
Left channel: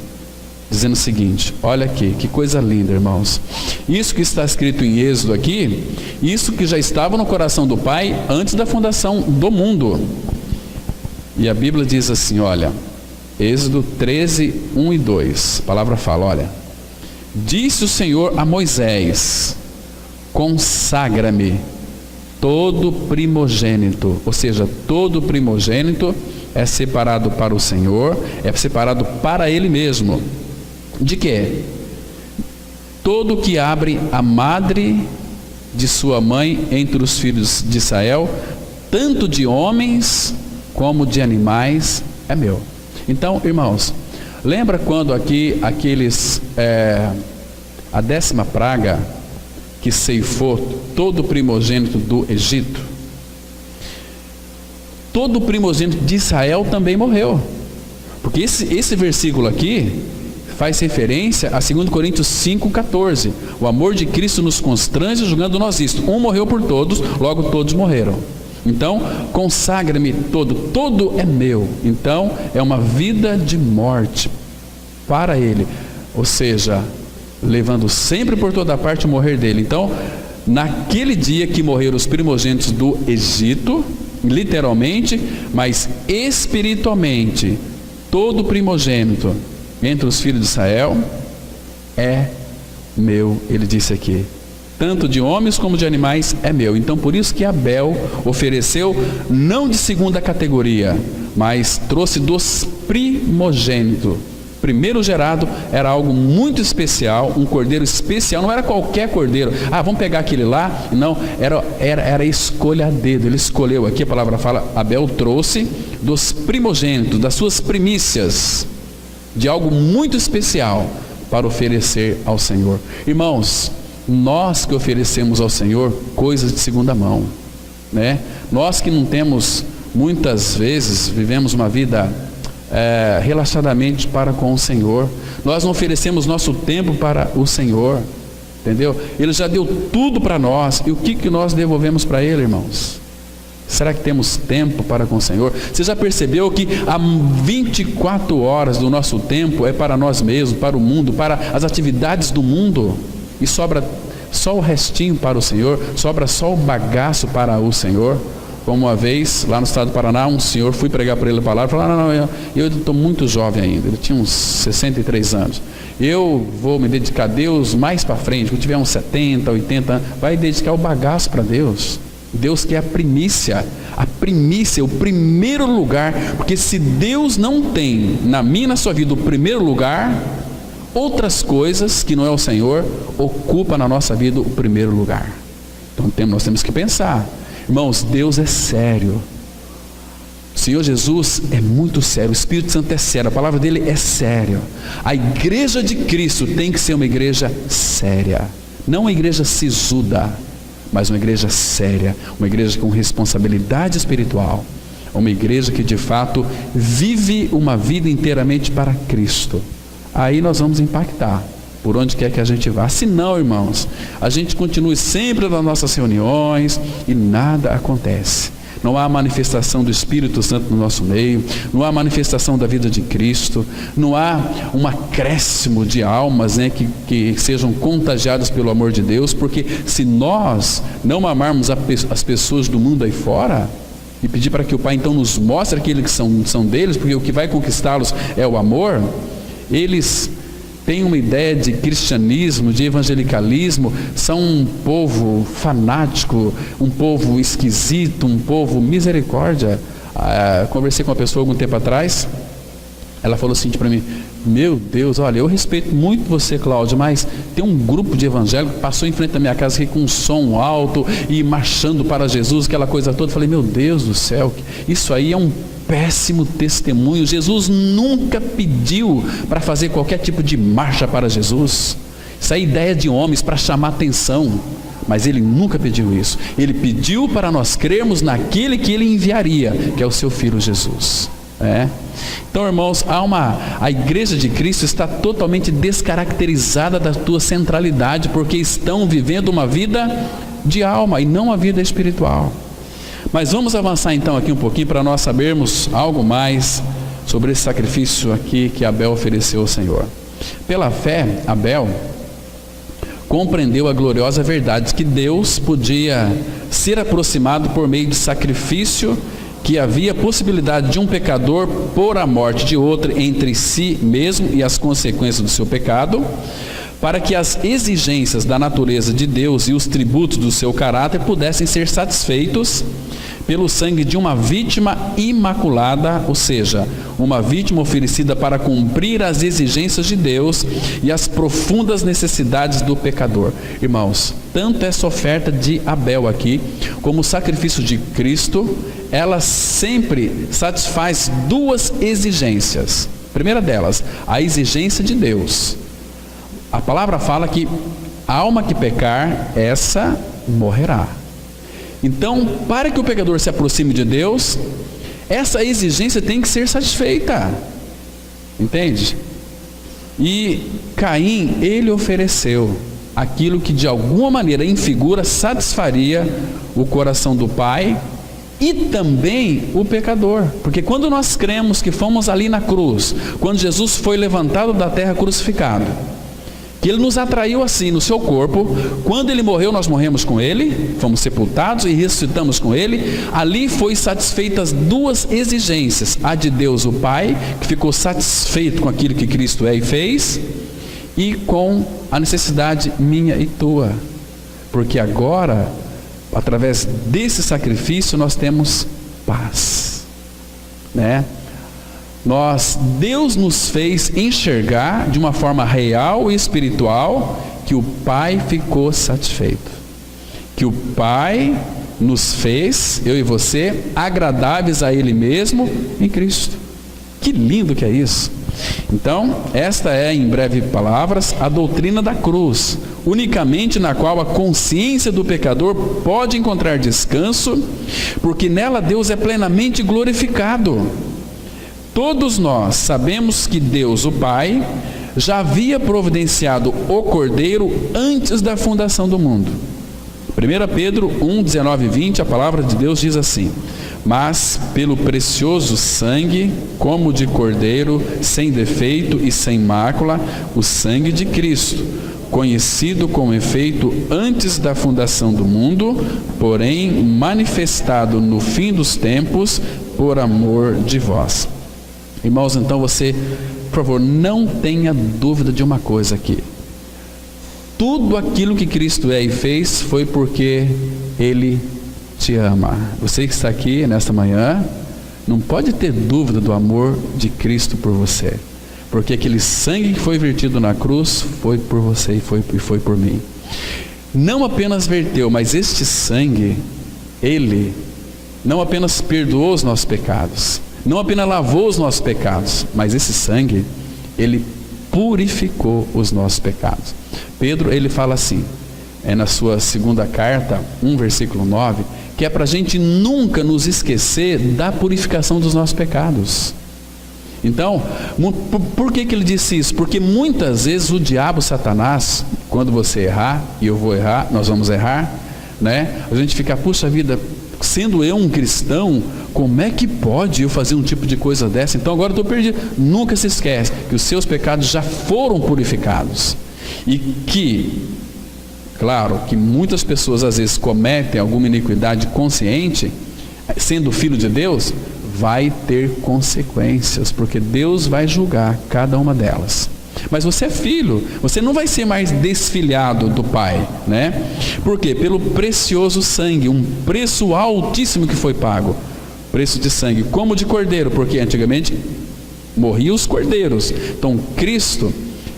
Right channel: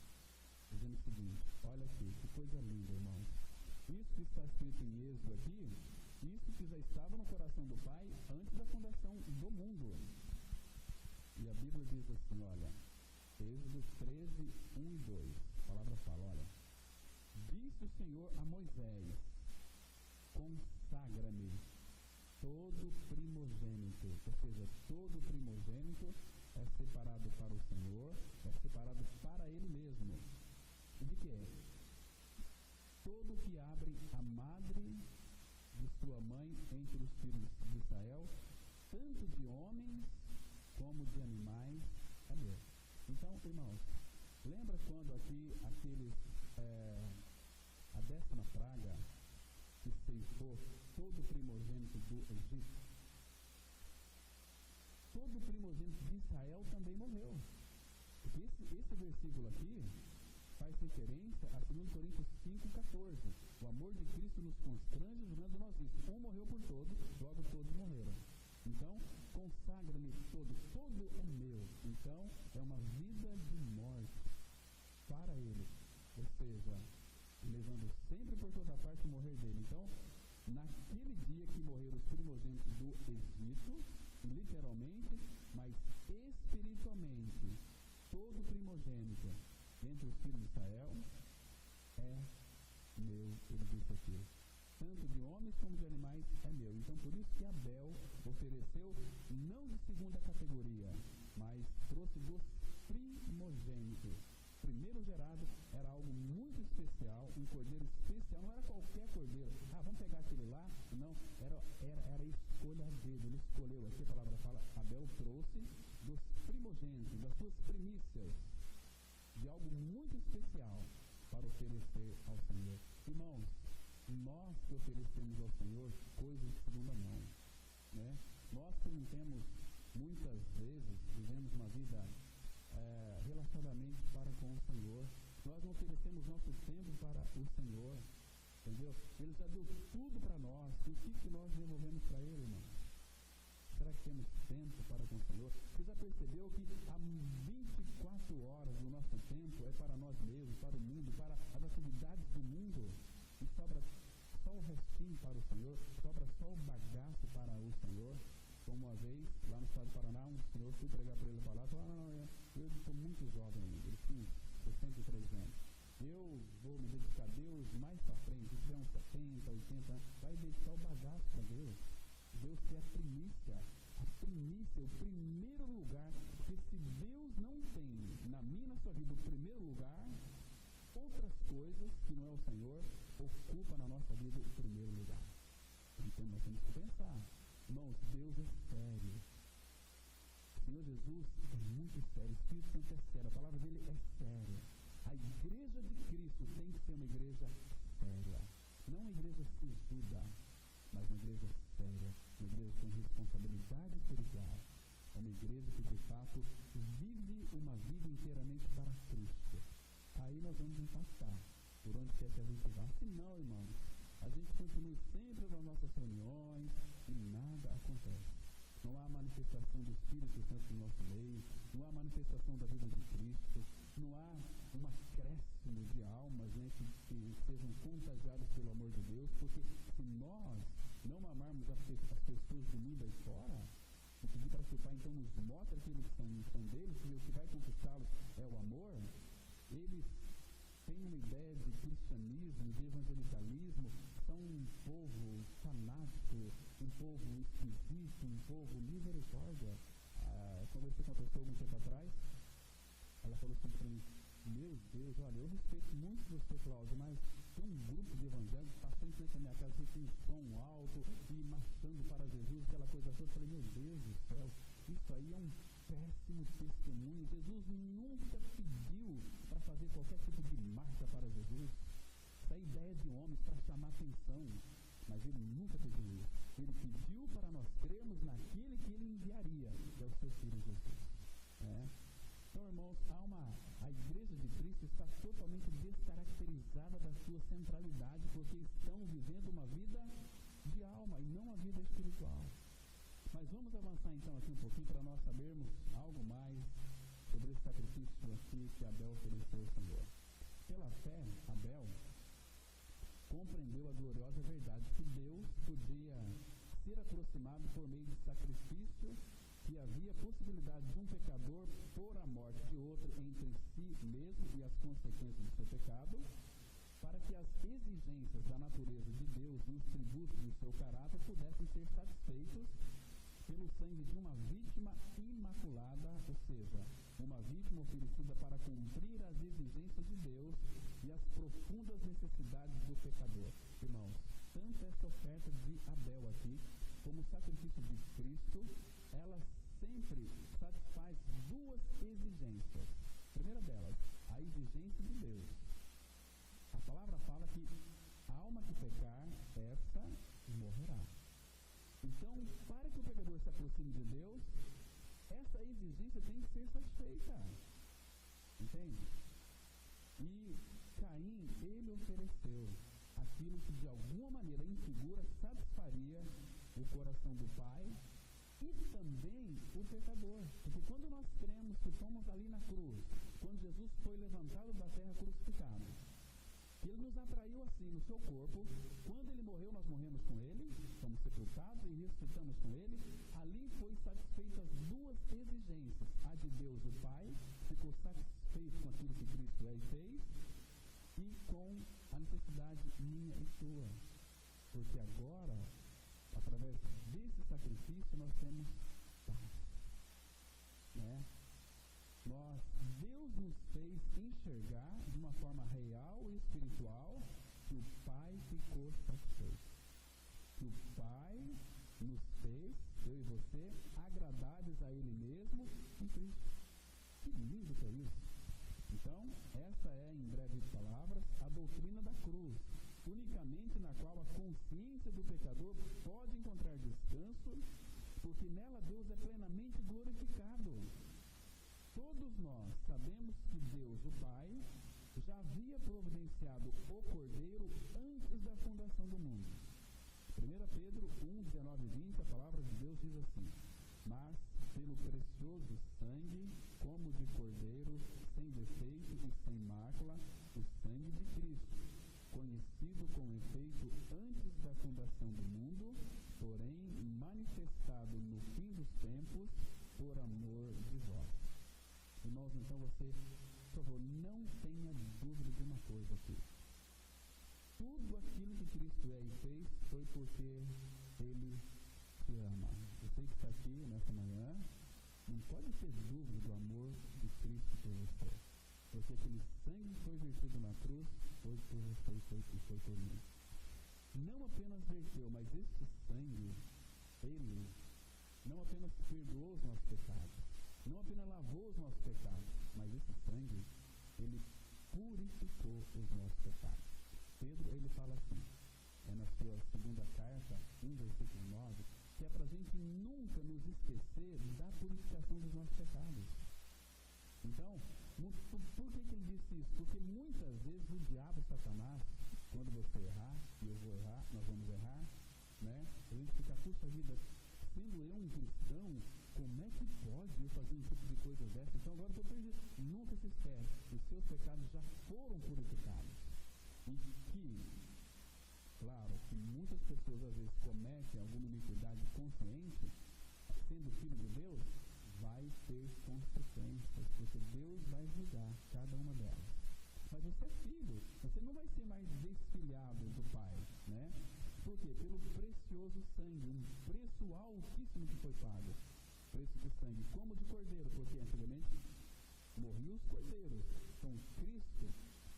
dizendo o seguinte, olha aqui, que coisa linda, irmãos. Isso que está escrito em Êxodo aqui, isso que já estava no coração do Pai antes da fundação do mundo. E a Bíblia diz assim, olha, Êxodo 13, 1 e 2, a palavra fala, olha, disse o Senhor a Moisés, consagra-me todo primogênito, ou seja, todo primogênito é separado para o Senhor, é separado para Ele mesmo. De quê? Todo que abre a madre de sua mãe entre os filhos de Israel, tanto de homens como de animais, é meu. Então, irmãos, lembra quando aqui a 10ª praga que ceifou todo o primogênito do Egito? Todo o primogênito de Israel também morreu, porque esse versículo aqui faz referência a 2 Coríntios 5,14. O amor de Cristo nos constrange, julgando nós isto: um morreu por todos, logo todos morreram. Então, consagra-me todo é meu. Então, é uma vida de morte para Ele, ou seja, levando sempre por toda parte o morrer dele. Então, naquele dia que morreram os primogênitos do Egito, literalmente, mas espiritualmente, todo primogênito entre os filhos de Israel é meu, ele disse aqui, tanto de homens como de animais é meu. Então por isso que Abel ofereceu não de segunda categoria, mas trouxe dos primogênitos. Primeiro gerado era algo muito especial, um cordeiro especial, não era qualquer cordeiro. Vamos pegar aquele lá. Não, era escolha a dedo. Ele escolheu, aqui a palavra fala, Abel trouxe dos primogênitos, das suas primícias, de algo muito especial para oferecer ao Senhor. Irmãos, nós que oferecemos ao Senhor coisas de segunda mão, né? Nós que não temos, muitas vezes, vivemos uma vida relaxadamente para com o Senhor, nós não oferecemos nosso tempo para o Senhor, entendeu? Ele já deu tudo para nós, e o que nós devolvemos para Ele, irmãos? Será que temos tempo para com o Senhor? Você já percebeu que há 24 horas do nosso tempo é para nós mesmos, para o mundo, para as atividades do mundo, e sobra só o restinho para o Senhor, sobra só o bagaço para o Senhor? Como uma vez, lá no estado do Paraná, um senhor, fui pregar para ele a palavra, falou, não, eu estou muito jovem ainda, ele tinha uns 63 anos, eu vou me dedicar a Deus mais para frente, quando tiver uns 70, 80 anos, vai dedicar o bagaço para Deus. Deus quer a primícia, o primeiro lugar, porque se Deus não tem na minha e na sua vida o primeiro lugar, outras coisas que não é o Senhor, ocupa na nossa vida o primeiro lugar. Então nós temos que pensar, irmãos, Deus é sério, o Senhor Jesus é muito sério, o Espírito Santo é sério, a palavra dele é séria. A igreja de Cristo tem que ser uma igreja séria, não uma igreja sisuda, mas uma igreja séria, uma igreja com responsabilidade espiritual, uma igreja que de fato vive uma vida inteiramente para Cristo. Aí nós vamos impactar por onde quer que a gente vá. Se não, irmãos, a gente continue sempre nas nossas reuniões e nada acontece. Não há manifestação do Espírito Santo no nosso meio, não há manifestação da vida de Cristo, não há um acréscimo de almas, né, que sejam contagiadas pelo amor de Deus, porque se nós não amarmos as pessoas do mundo aí fora, e pedir para que o Pai então nos mostre aquilo que são deles, porque o que vai conquistá-los é o amor, eles têm uma ideia de cristianismo, de evangelicalismo, são um povo fanático, um povo esquisito, um povo misericórdia. Conversei com uma pessoa algum tempo atrás, ela falou assim para mim, meu Deus, olha, eu respeito muito você, Cláudio, mas tem um grupo de evangélicos que passou em frente da minha casa aqui com um som alto e marchando para Jesus, aquela coisa toda. Eu falei, meu Deus do céu, isso aí é um péssimo testemunho. Jesus nunca pediu para fazer qualquer tipo de marcha para Jesus. Isso é ideia de homens para chamar atenção, mas ele nunca pediu isso. Ele pediu para nós crermos naquele que ele enviaria, que é o seu Filho Jesus. Então, irmãos, a igreja de Cristo está totalmente descaracterizada da tua centralidade, porque estão vivendo uma vida de alma e não uma vida espiritual. Mas vamos avançar então aqui um pouquinho para nós sabermos algo mais sobre esse sacrifício aqui que Abel ofereceu ao Senhor. Pela fé, Abel compreendeu a gloriosa verdade que Deus podia ser aproximado por meio de sacrifício, que havia possibilidade de um pecador pôr a morte de outro entre si mesmo e as consequências do seu pecado, para que as exigências da natureza de Deus e os tributos do seu caráter pudessem ser satisfeitos pelo sangue de uma vítima imaculada, ou seja, uma vítima oferecida para cumprir as exigências de Deus e as profundas necessidades do pecador. Irmãos, tanto essa oferta de Abel aqui, como o sacrifício de Cristo, ela sempre satisfaz duas exigências. A primeira delas, a exigência de Deus. A palavra fala que a alma que pecar, essa morrerá. Então, para que o pecador se aproxime de Deus, essa exigência tem que ser satisfeita. Entende? E Caim, ele ofereceu aquilo que de alguma maneira, em figura, satisfaria o coração do pai e também o pecador. Porque quando nós cremos que fomos ali na cruz, quando Jesus foi levantado da terra crucificado, que ele nos atraiu assim no seu corpo, quando ele morreu nós morremos com ele, fomos sepultados e ressuscitamos com ele, ali foi satisfeitas duas exigências, a de Deus o Pai, que ficou satisfeito com aquilo que Cristo é e fez, e com a necessidade minha e tua, porque agora, através desse sacrifício nós temos paz, Deus nos fez enxergar de uma forma real e espiritual que o Pai ficou satisfeito, que o Pai nos fez, eu e você, agradáveis a Ele mesmo em Cristo. Que lindo que é isso! Então, esta é, em breve palavras, a doutrina da cruz, unicamente na qual a consciência do pecador pode encontrar descanso, porque nela Deus é plenamente glorificado. Todos nós sabemos que Deus, o Pai, já havia providenciado o Cordeiro antes da fundação do mundo. 1 Pedro 1, 19 e 20, a palavra de Deus diz assim: mas pelo precioso sangue, como de Cordeiro, sem defeito e sem mácula, o sangue de Cristo, conhecido com efeito antes da fundação do mundo, porém manifestado no fim dos tempos, por amor de vós. Irmãos, então você, por favor, não tenha dúvida de uma coisa aqui. Tudo aquilo que Cristo é e fez foi porque Ele te ama. Você que está aqui nesta manhã, não pode ter dúvida do amor de Cristo por você, porque aquele sangue que foi vertido na cruz foi por você e foi por mim. Não apenas verteu, mas este sangue, Ele não apenas perdoou os nossos pecados, não apenas lavou os nossos pecados, mas esse sangue, Ele purificou os nossos pecados. Pedro, ele fala assim, na sua segunda carta, 1 versículo 9, que é para a gente nunca nos esquecer da purificação dos nossos pecados. Então, por que ele disse isso? Porque muitas vezes o diabo, Satanás, quando você errar, e eu vou errar, nós vamos errar, a gente fica, puxa vida, sendo eu um cristão, como é que pode eu fazer um tipo de coisa dessa? Então agora eu estou perdido. Nunca se esquece que os seus pecados já foram purificados. E que, claro, que muitas pessoas às vezes cometem alguma iniquidade consciente, sendo filho de Deus, vai ter consequências, porque Deus vai julgar cada uma delas. Mas você é filho, você não vai ser mais desfilhado do Pai, Por quê? Pelo precioso sangue, um preço altíssimo que foi pago. Preço de sangue, como de cordeiro, porque antigamente morriam os cordeiros. Então Cristo,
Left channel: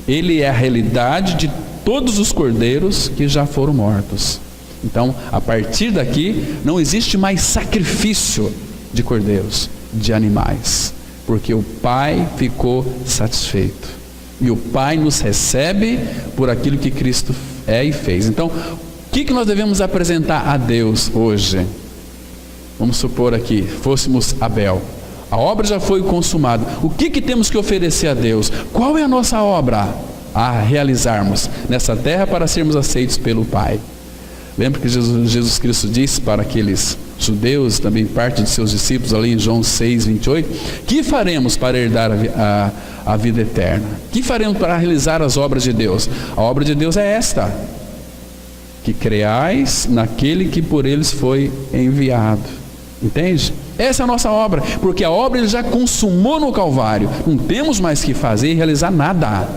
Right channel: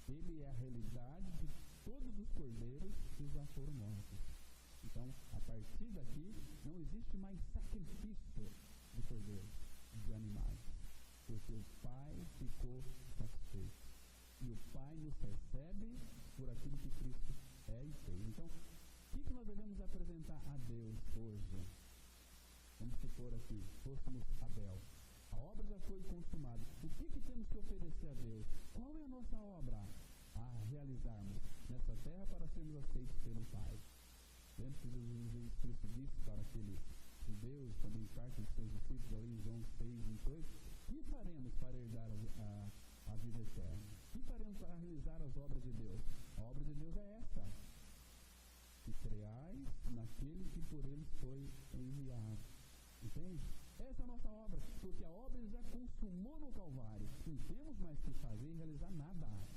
Ele é a realidade de todos os cordeiros que já foram mortos. Então, a partir daqui, não existe mais sacrifício de cordeiros, de animais, porque o Pai ficou satisfeito. E o Pai nos recebe por aquilo que Cristo é e fez. Então, o que nós devemos apresentar a Deus hoje? Vamos supor aqui, fôssemos Abel. A obra já foi consumada. O que temos que oferecer a Deus? Qual é a nossa obra a realizarmos nessa terra para sermos aceitos pelo Pai? Lembra que Jesus Cristo disse para aqueles judeus, também parte de seus discípulos, ali em João 6, 28, que faremos para herdar a vida eterna? Que faremos para realizar as obras de Deus? A obra de Deus é esta: que creais naquele que por eles foi enviado. Entende? Essa é a nossa obra, porque a obra ele já consumou no Calvário. Não temos mais que fazer e realizar nada.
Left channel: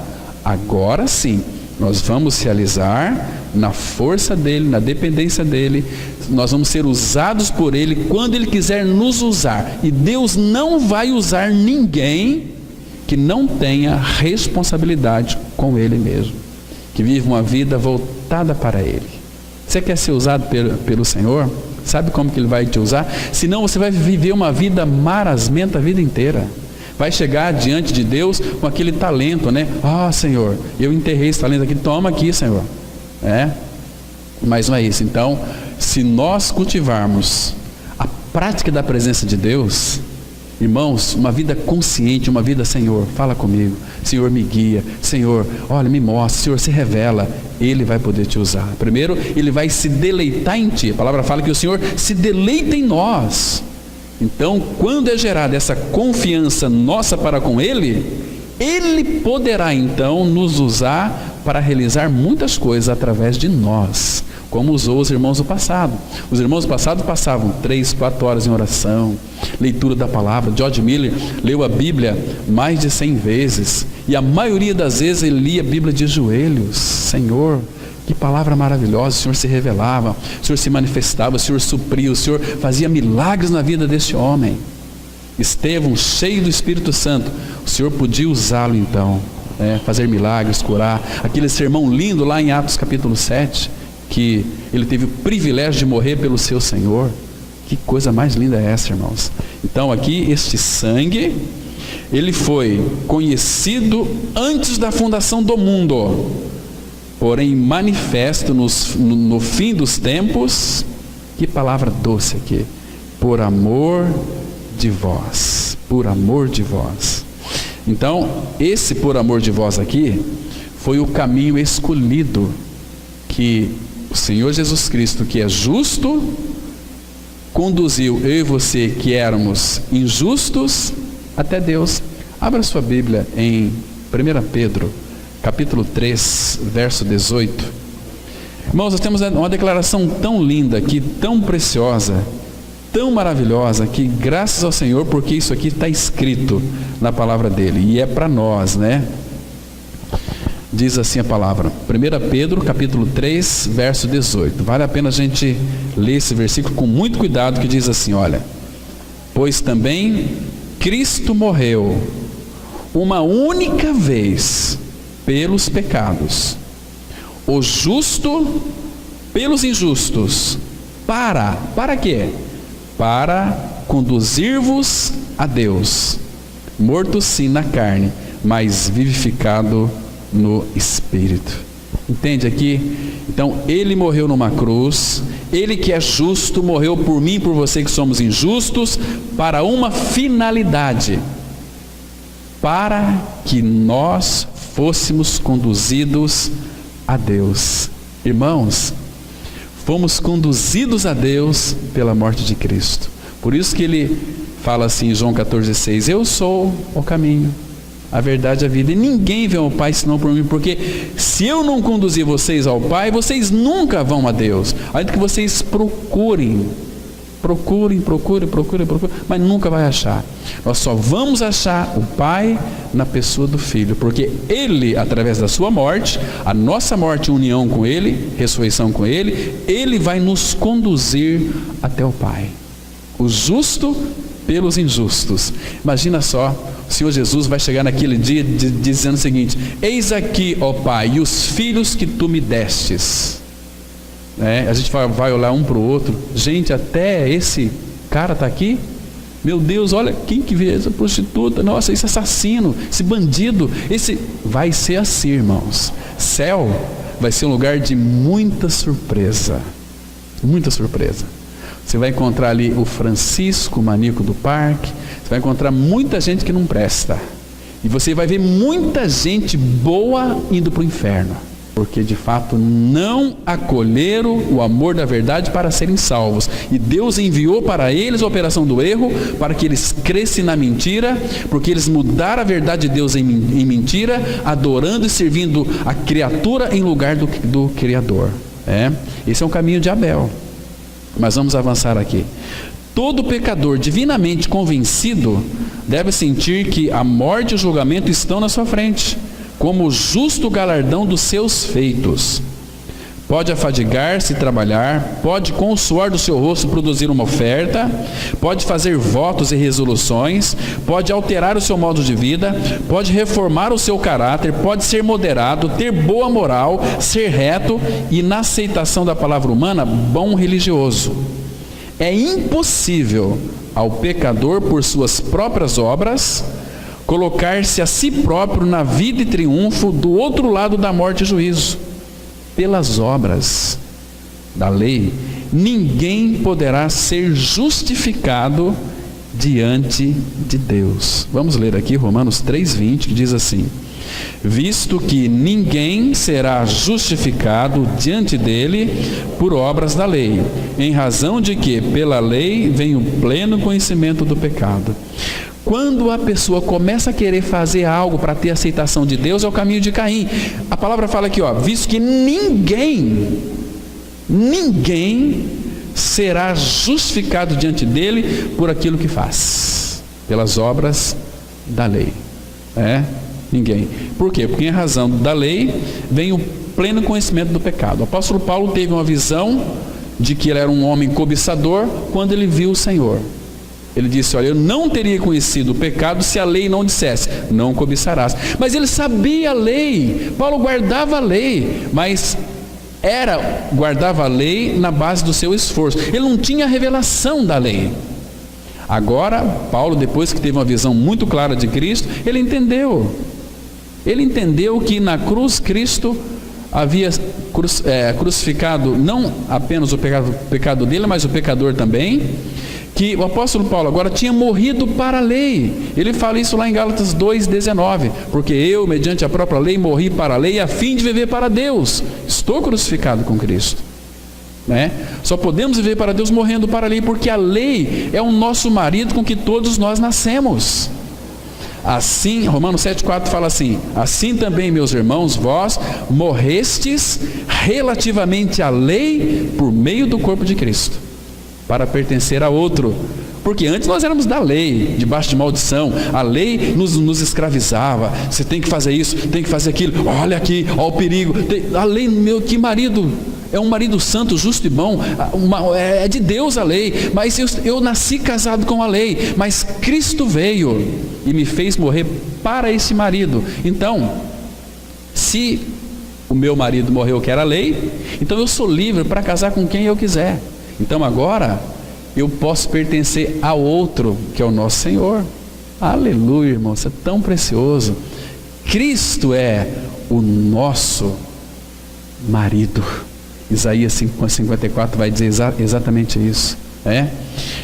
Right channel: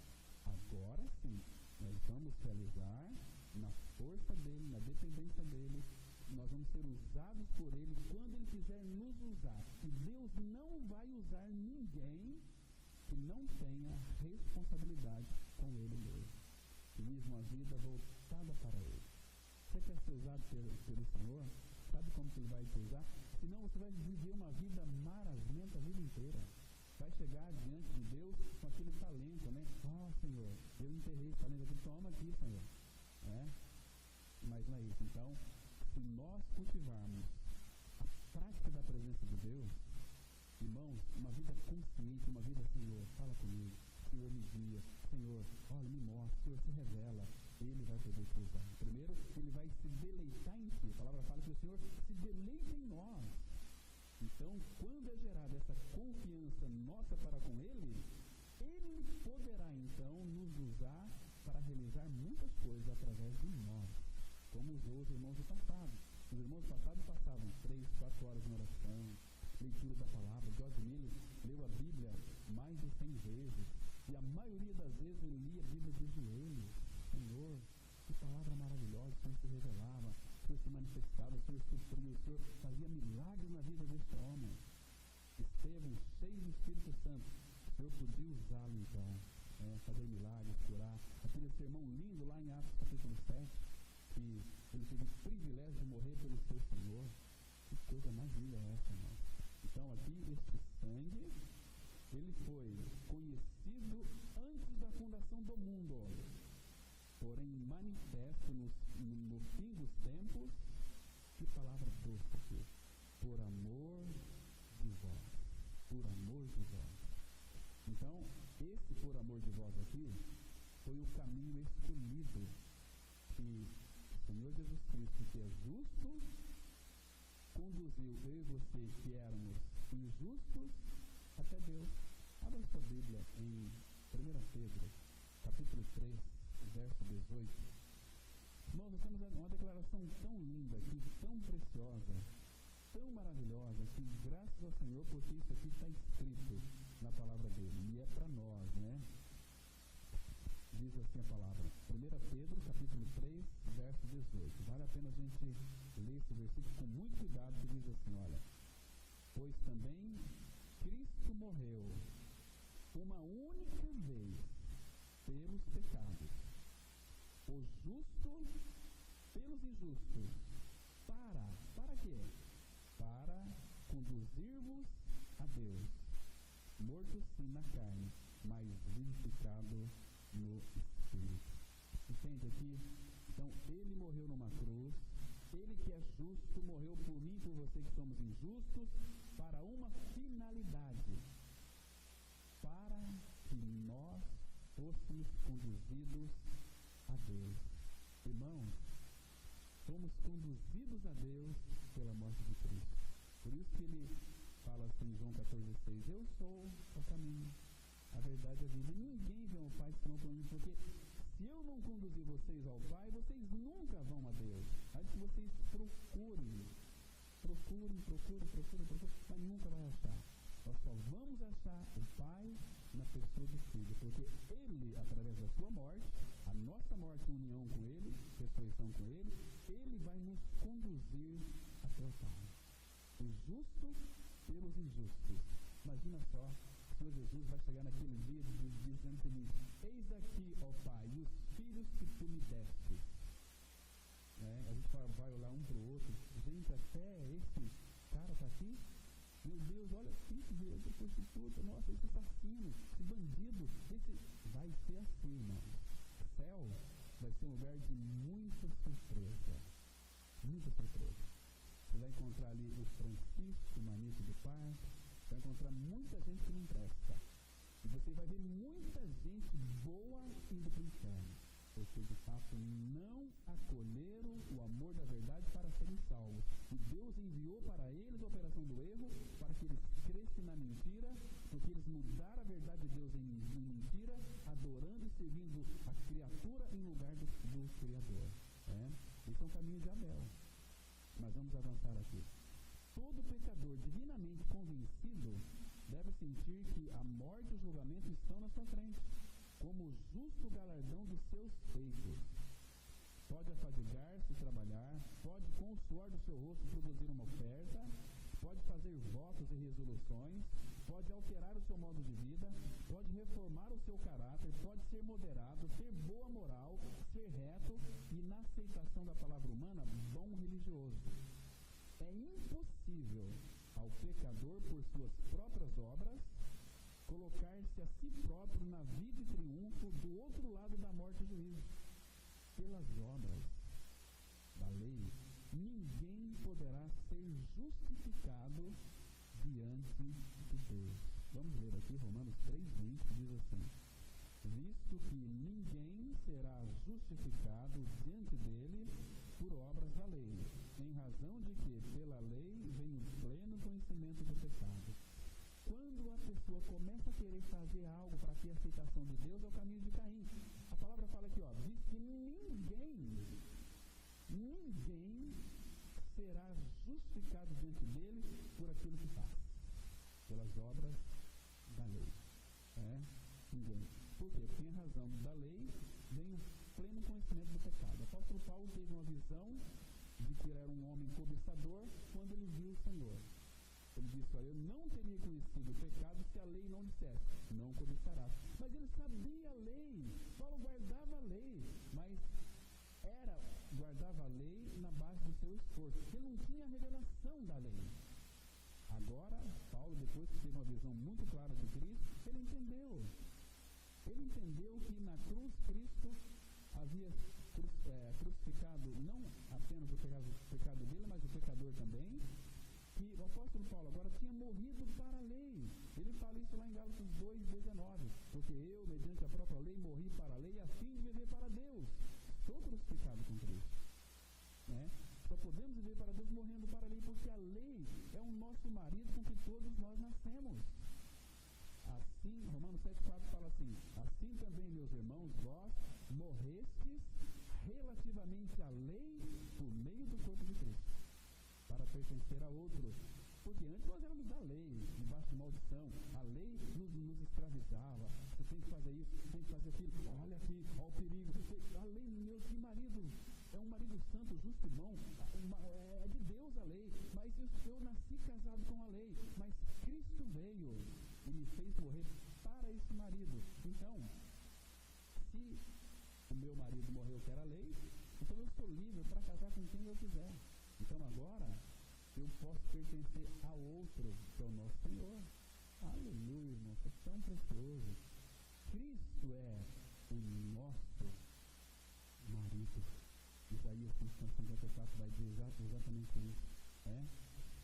Agora sim, nós vamos realizar na força dele, na dependência dele. Nós vamos ser usados por ele quando ele quiser nos usar. E Deus não vai usar ninguém que não tenha responsabilidade com ele mesmo, que vive uma vida voltada para ele. Você quer ser usado pelo Senhor? Sabe como que ele vai te usar? Senão você vai viver uma vida marasmenta a vida inteira. Vai chegar diante de Deus com aquele talento, né? Senhor, eu enterrei esse talento aqui, toma aqui, Senhor. Mas não é isso. Então, se nós cultivarmos a prática da presença de Deus, irmãos, uma vida consciente, uma vida, Senhor, fala comigo, Senhor, me guia, Senhor, olha, me mostra, Senhor, se revela, ele vai poder te usar. Primeiro, ele vai se deleitar em ti. A palavra fala que o Senhor se deleita em nós. Então, quando é gerada essa confiança nossa para com ele, ele poderá então nos usar para realizar muitas coisas através de nós, como usou os irmãos do passado. Os irmãos do passado passavam 3, 4 horas em oração, leitura da palavra. George Miller leu a Bíblia mais de 100 vezes, e a maioria das vezes ele lia a Bíblia de joelhos. Senhor, que palavra maravilhosa, o Senhor se revelava, o Senhor se manifestava, o Senhor supria, o Senhor fazia milagres na vida deste homem. Estevão, cheio do Espírito Santo, o Senhor podia usá-lo então, fazer milagres, curar. Aquele sermão lindo lá em Atos capítulo 7, que ele teve o privilégio de morrer pelo seu Senhor. Que coisa mais linda é essa, irmãos? Então aqui, este sangue, ele foi conhecido antes da fundação do mundo, porém manifesto no fim dos tempos. Que palavra doce aqui: por amor de vós, por amor de vós. Então, esse por amor de vós aqui, foi o caminho escolhido, que o Senhor Jesus Cristo, que é justo, conduziu eu e você, que éramos injustos, até Deus. Abra sua Bíblia em 1 Pedro, capítulo 3, verso 18. Irmãos, nós temos uma declaração tão linda aqui, tão preciosa, tão maravilhosa, que graças ao Senhor, porque isso aqui está escrito na palavra dele, e é para nós, né? Diz assim a palavra, 1 Pedro capítulo 3, verso 18. Vale a pena a gente ler esse versículo com muito cuidado, que diz assim, olha: pois também Cristo morreu uma única vez pelos pecados, o justo pelos injustos, para quê? Para conduzir-vos a Deus, morto sim na carne, mas vivificado no Espírito. Entende aqui? Então ele morreu numa cruz, ele que é justo morreu por mim e por você que somos injustos, para uma finalidade: para que nós fôssemos conduzidos a Deus. Irmãos, fomos conduzidos a Deus pela morte de Cristo. Por isso que ele fala assim em João 14,6: eu sou o caminho, a verdade e a vida, e ninguém vê ao Pai senão por mim, porque se eu não conduzir vocês ao Pai, vocês nunca vão a Deus, ainda que vocês procurem, mas nunca vai achar. Nós só vamos achar o Pai na pessoa do Filho, porque Ele, através da sua morte, a nossa morte em união com Ele, ressurreição com Ele, Ele vai nos conduzir até o Pai. O justo pelos injustos. Imagina só, o Senhor Jesus vai chegar naquele dia dizendo o seguinte: eis aqui, ó Pai, e os filhos que tu me destes. A gente vai olhar um para o outro: gente, até esse cara está aqui? Meu Deus, olha quem que vê essa prostituta, nossa, esse assassino, esse bandido, esse... Vai ser assim, irmãos. Céu vai ser um lugar de muita surpresa. Muita surpresa. Você vai encontrar ali o Francisco, o maníaco do parque. Você vai encontrar muita gente que não presta. E você vai ver muita gente boa indo para o inferno. Porque de fato não acolheram o amor da verdade para serem salvos. E Deus enviou para eles a operação do erro, para que eles crescem na mentira, porque eles mudaram a verdade de Deus em mentira, adorando e servindo a criatura em lugar do Criador. Esse é um caminho de Abel. Mas vamos avançar aqui. Todo pecador divinamente convencido deve sentir que a morte e o julgamento estão na sua frente, como o justo galardão dos seus feitos. Pode afadigar-se e trabalhar, pode com o suor do seu rosto produzir uma oferta, pode fazer votos e resoluções, pode alterar o seu modo de vida, pode reformar o seu caráter, pode ser moderado, ter boa moral, ser reto e, na aceitação da palavra humana, bom religioso. É impossível ao pecador, por suas próprias obras, colocar-se a si próprio na vida e triunfo do outro lado da morte e juízo. Pelas obras da lei, ninguém poderá ser justificado diante de Deus. Vamos ler aqui Romanos 3:20, que diz assim: visto que ninguém será justificado diante dele por obras da lei, em razão de que pela lei vem o pleno conhecimento do pecado. Quando a pessoa começa a querer fazer algo para ter aceitação de Deus, é o caminho de Caim. A palavra fala aqui, visto que ninguém será justificado diante dele por aquilo que faz, pelas obras da lei. Ninguém. Por quê? Porque em razão da lei vem o pleno conhecimento do pecado. O apóstolo Paulo teve uma visão de que ele era um homem cobiçador quando ele viu o Senhor. Ele disse, olha, eu não teria conhecido o pecado se a lei não dissesse, não cobiçarás. Mas ele sabia a lei. Paulo guardava a lei, mas guardava a lei na base do seu esforço. Ele não tinha a revelação da lei. Agora, Paulo, depois que teve uma visão muito clara de Cristo, ele entendeu. Ele entendeu que na cruz Cristo havia crucificado não apenas o pecado dele, mas o pecador também. Que o apóstolo Paulo agora tinha morrido para a lei. Ele fala isso lá em Gálatas 2:19. Porque eu, mediante a própria lei, morri para a lei a fim de viver para Deus. Estou crucificado com Cristo. Só podemos viver para Deus morrendo para a lei, porque a lei é o nosso marido com que todos nós nascemos. Assim, Romanos 7:4 fala assim: assim também, meus irmãos, vós morrestes relativamente à lei por meio do corpo de Cristo, para pertencer a outro. Porque antes nós éramos da lei, debaixo de maldição. A lei nos escravizava. Você tem que fazer isso, tem que fazer aquilo. Olha aqui, olha o perigo. A lei, que marido, é um marido santo, justo e bom. É de Deus a lei. Mas eu nasci casado com a lei. Mas Cristo veio e me fez morrer para esse marido. Então, se o meu marido morreu que era a lei, então eu sou livre para casar com quem eu quiser. Então agora eu posso pertencer a outro, que é o nosso Senhor. Aleluia, irmão, isso é tão precioso. Cristo é o nosso marido. Isaías 54 vai dizer exatamente isso.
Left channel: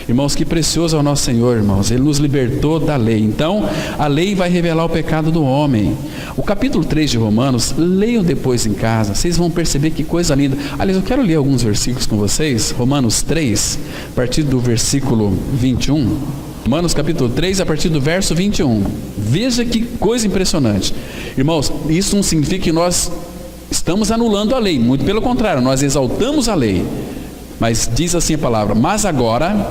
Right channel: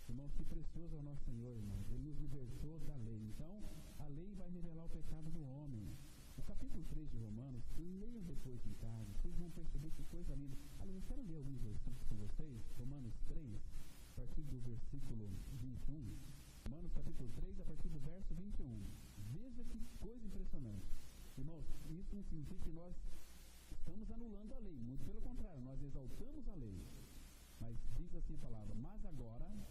Irmãos, que precioso é o nosso Senhor, irmãos. Ele nos libertou da lei. Então a lei vai revelar o pecado do homem. O capítulo 3 de Romanos, leiam depois em casa, vocês vão perceber que coisa linda. Aliás, eu quero ler alguns versículos com vocês. Romanos 3, a partir do versículo 21. Romanos capítulo 3, a partir do verso 21. Veja que coisa impressionante. Irmãos, isso não significa que nós estamos anulando a lei, muito pelo contrário, nós exaltamos a lei. Mas diz assim a palavra: mas agora,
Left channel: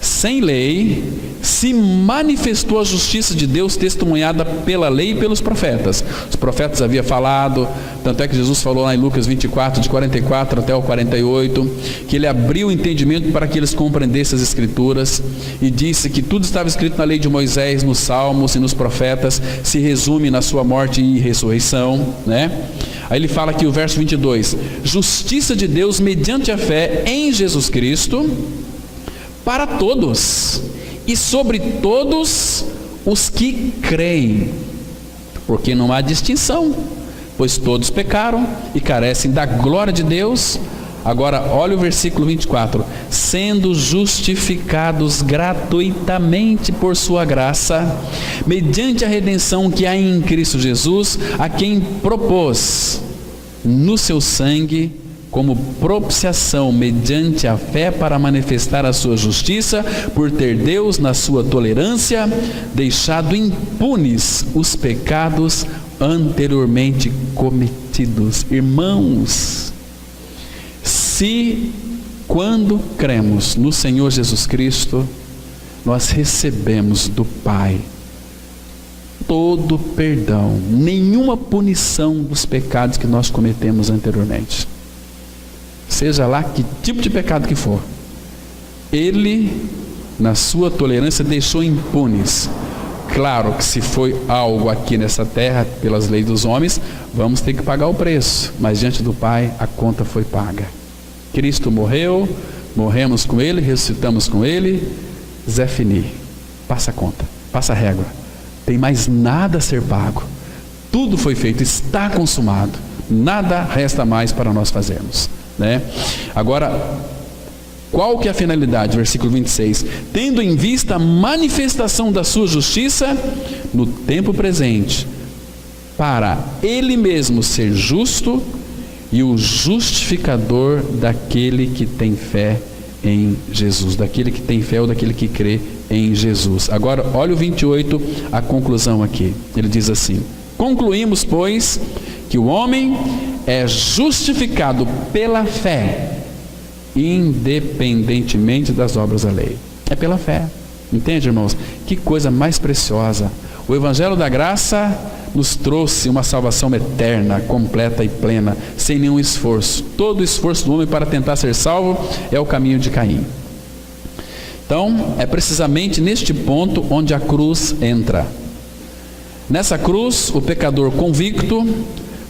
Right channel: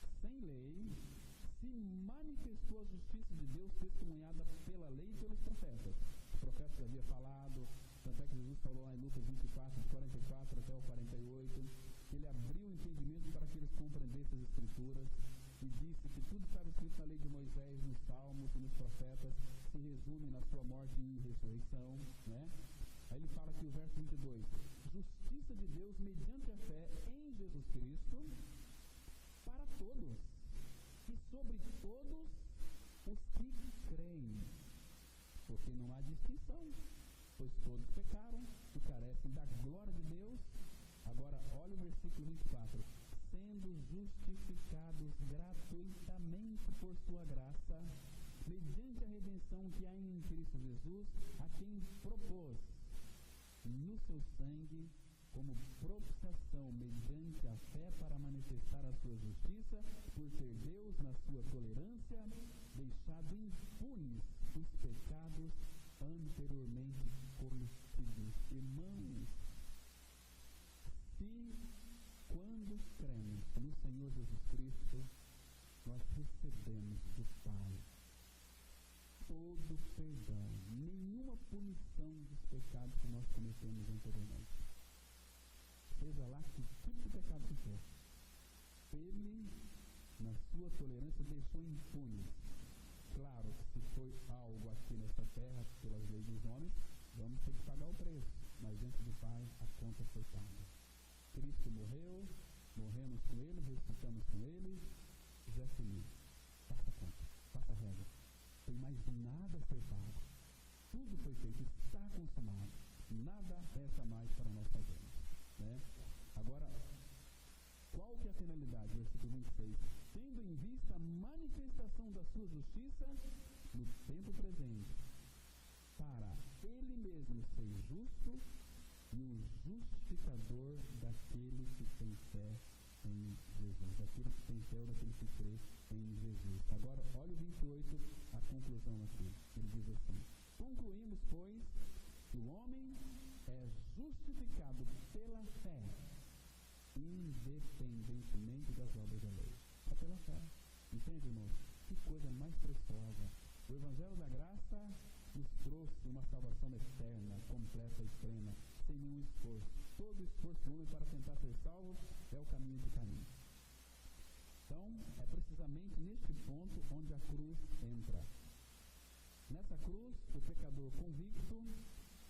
sem lei, se manifestou a justiça de Deus testemunhada pela lei e pelos profetas. Os profetas haviam falado, tanto é que Jesus falou lá em Lucas 24, de 44 até o 48, que ele abriu o entendimento para que eles compreendessem as Escrituras, e disse que tudo estava escrito na lei de Moisés, nos Salmos e nos profetas, se resume na sua morte e ressurreição, Aí ele fala aqui o verso 22, justiça de Deus mediante a fé em Jesus Cristo, para todos, e sobre todos os que creem, porque não há distinção, pois todos pecaram e carecem da glória de Deus. Agora olha o versículo 24: sendo justificados gratuitamente por sua graça, mediante a redenção que há em Cristo Jesus, a quem propôs no seu sangue como propiciação mediante a fé para manifestar a sua justiça, por ter Deus na sua tolerância deixado impunes os pecados anteriormente cometidos. Irmãos, se quando cremos no Senhor Jesus Cristo, nós recebemos do Pai todo perdão, nenhuma punição dos pecados que nós cometemos anteriormente, seja lá que tipo de pecado que for, Ele, na sua tolerância, deixou impunes. Claro que se foi algo aqui nessa terra, pelas leis dos homens, vamos ter que pagar o preço, mas diante do Pai a conta foi paga. Cristo morreu, morremos com Ele, ressuscitamos com Ele, Zé Fini, passa a conta, passa a régua, tem mais nada a ser pago, tudo foi feito, está consumado, nada resta mais para nós fazermos, né? Agora, qual que é a finalidade? Versículo 26: tendo em vista a manifestação da sua justiça no tempo presente, para Ele mesmo ser justo e o justificador daquele que tem fé em Jesus, daquele que tem fé ou daquele que crê em Jesus. Agora olha o 28, a conclusão aqui, ele diz assim: concluímos, pois, que o homem é justificado pela fé, independentemente das obras da lei. É pela fé, entende, irmãos? Que coisa mais preciosa! O Evangelho da Graça nos trouxe uma salvação eterna, completa e plena, sem nenhum esforço. Todo o esforço do homem para tentar ser salvo é o caminho de Caim. Então, é precisamente neste ponto onde a cruz entra. Nessa cruz, o pecador convicto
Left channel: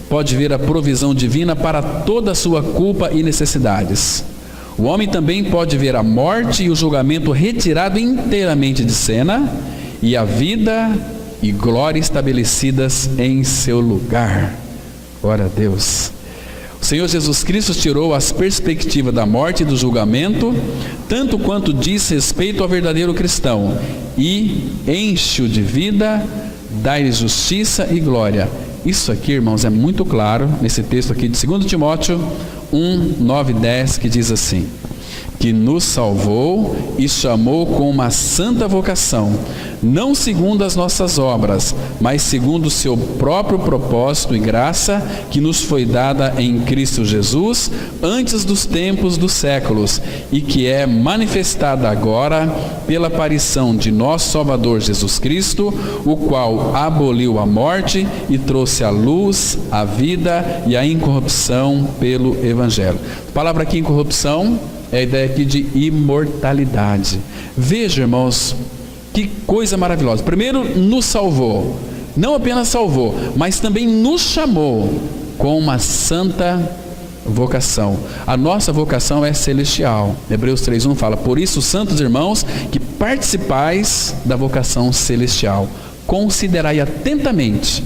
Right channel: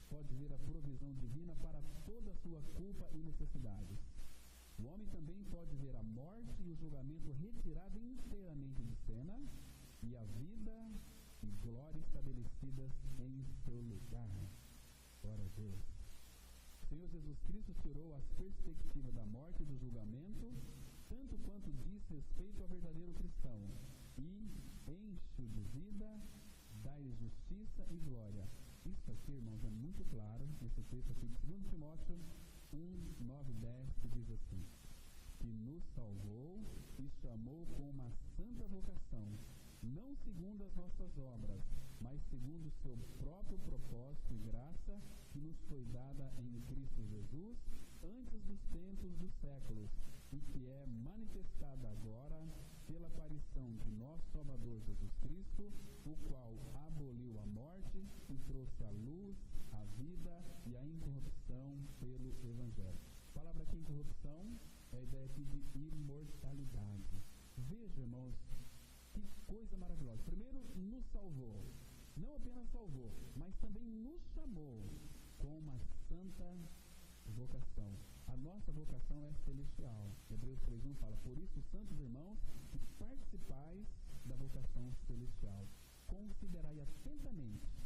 pode ver a provisão divina para toda a sua culpa e necessidades. O homem também pode ver a morte e o julgamento retirado inteiramente de cena, e a vida e glória estabelecidas em seu lugar. Glória a Deus. O Senhor Jesus Cristo tirou as perspectivas da morte e do julgamento, tanto quanto diz respeito ao verdadeiro cristão, e enche-o de vida, dá-lhe justiça e glória. Isso aqui, irmãos, é muito claro nesse texto aqui de 2 Timóteo 1, 9 e 10, que diz assim: que nos salvou e chamou com uma santa vocação, não segundo as nossas obras, mas segundo o seu próprio propósito e graça, que nos foi dada em Cristo Jesus, antes dos tempos dos séculos, e que é manifestada agora pela aparição de nosso Salvador Jesus Cristo, o qual aboliu a morte e trouxe a luz, a vida e a incorrupção pelo Evangelho. A palavra aqui, incorrupção, é a ideia aqui de imortalidade. Veja, irmãos, que coisa maravilhosa. Primeiro, nos salvou. Não apenas salvou, mas também nos chamou com uma santa vocação. A nossa vocação é celestial. Hebreus 3:1 fala: por isso, santos irmãos, que participais da vocação celestial, considerai atentamente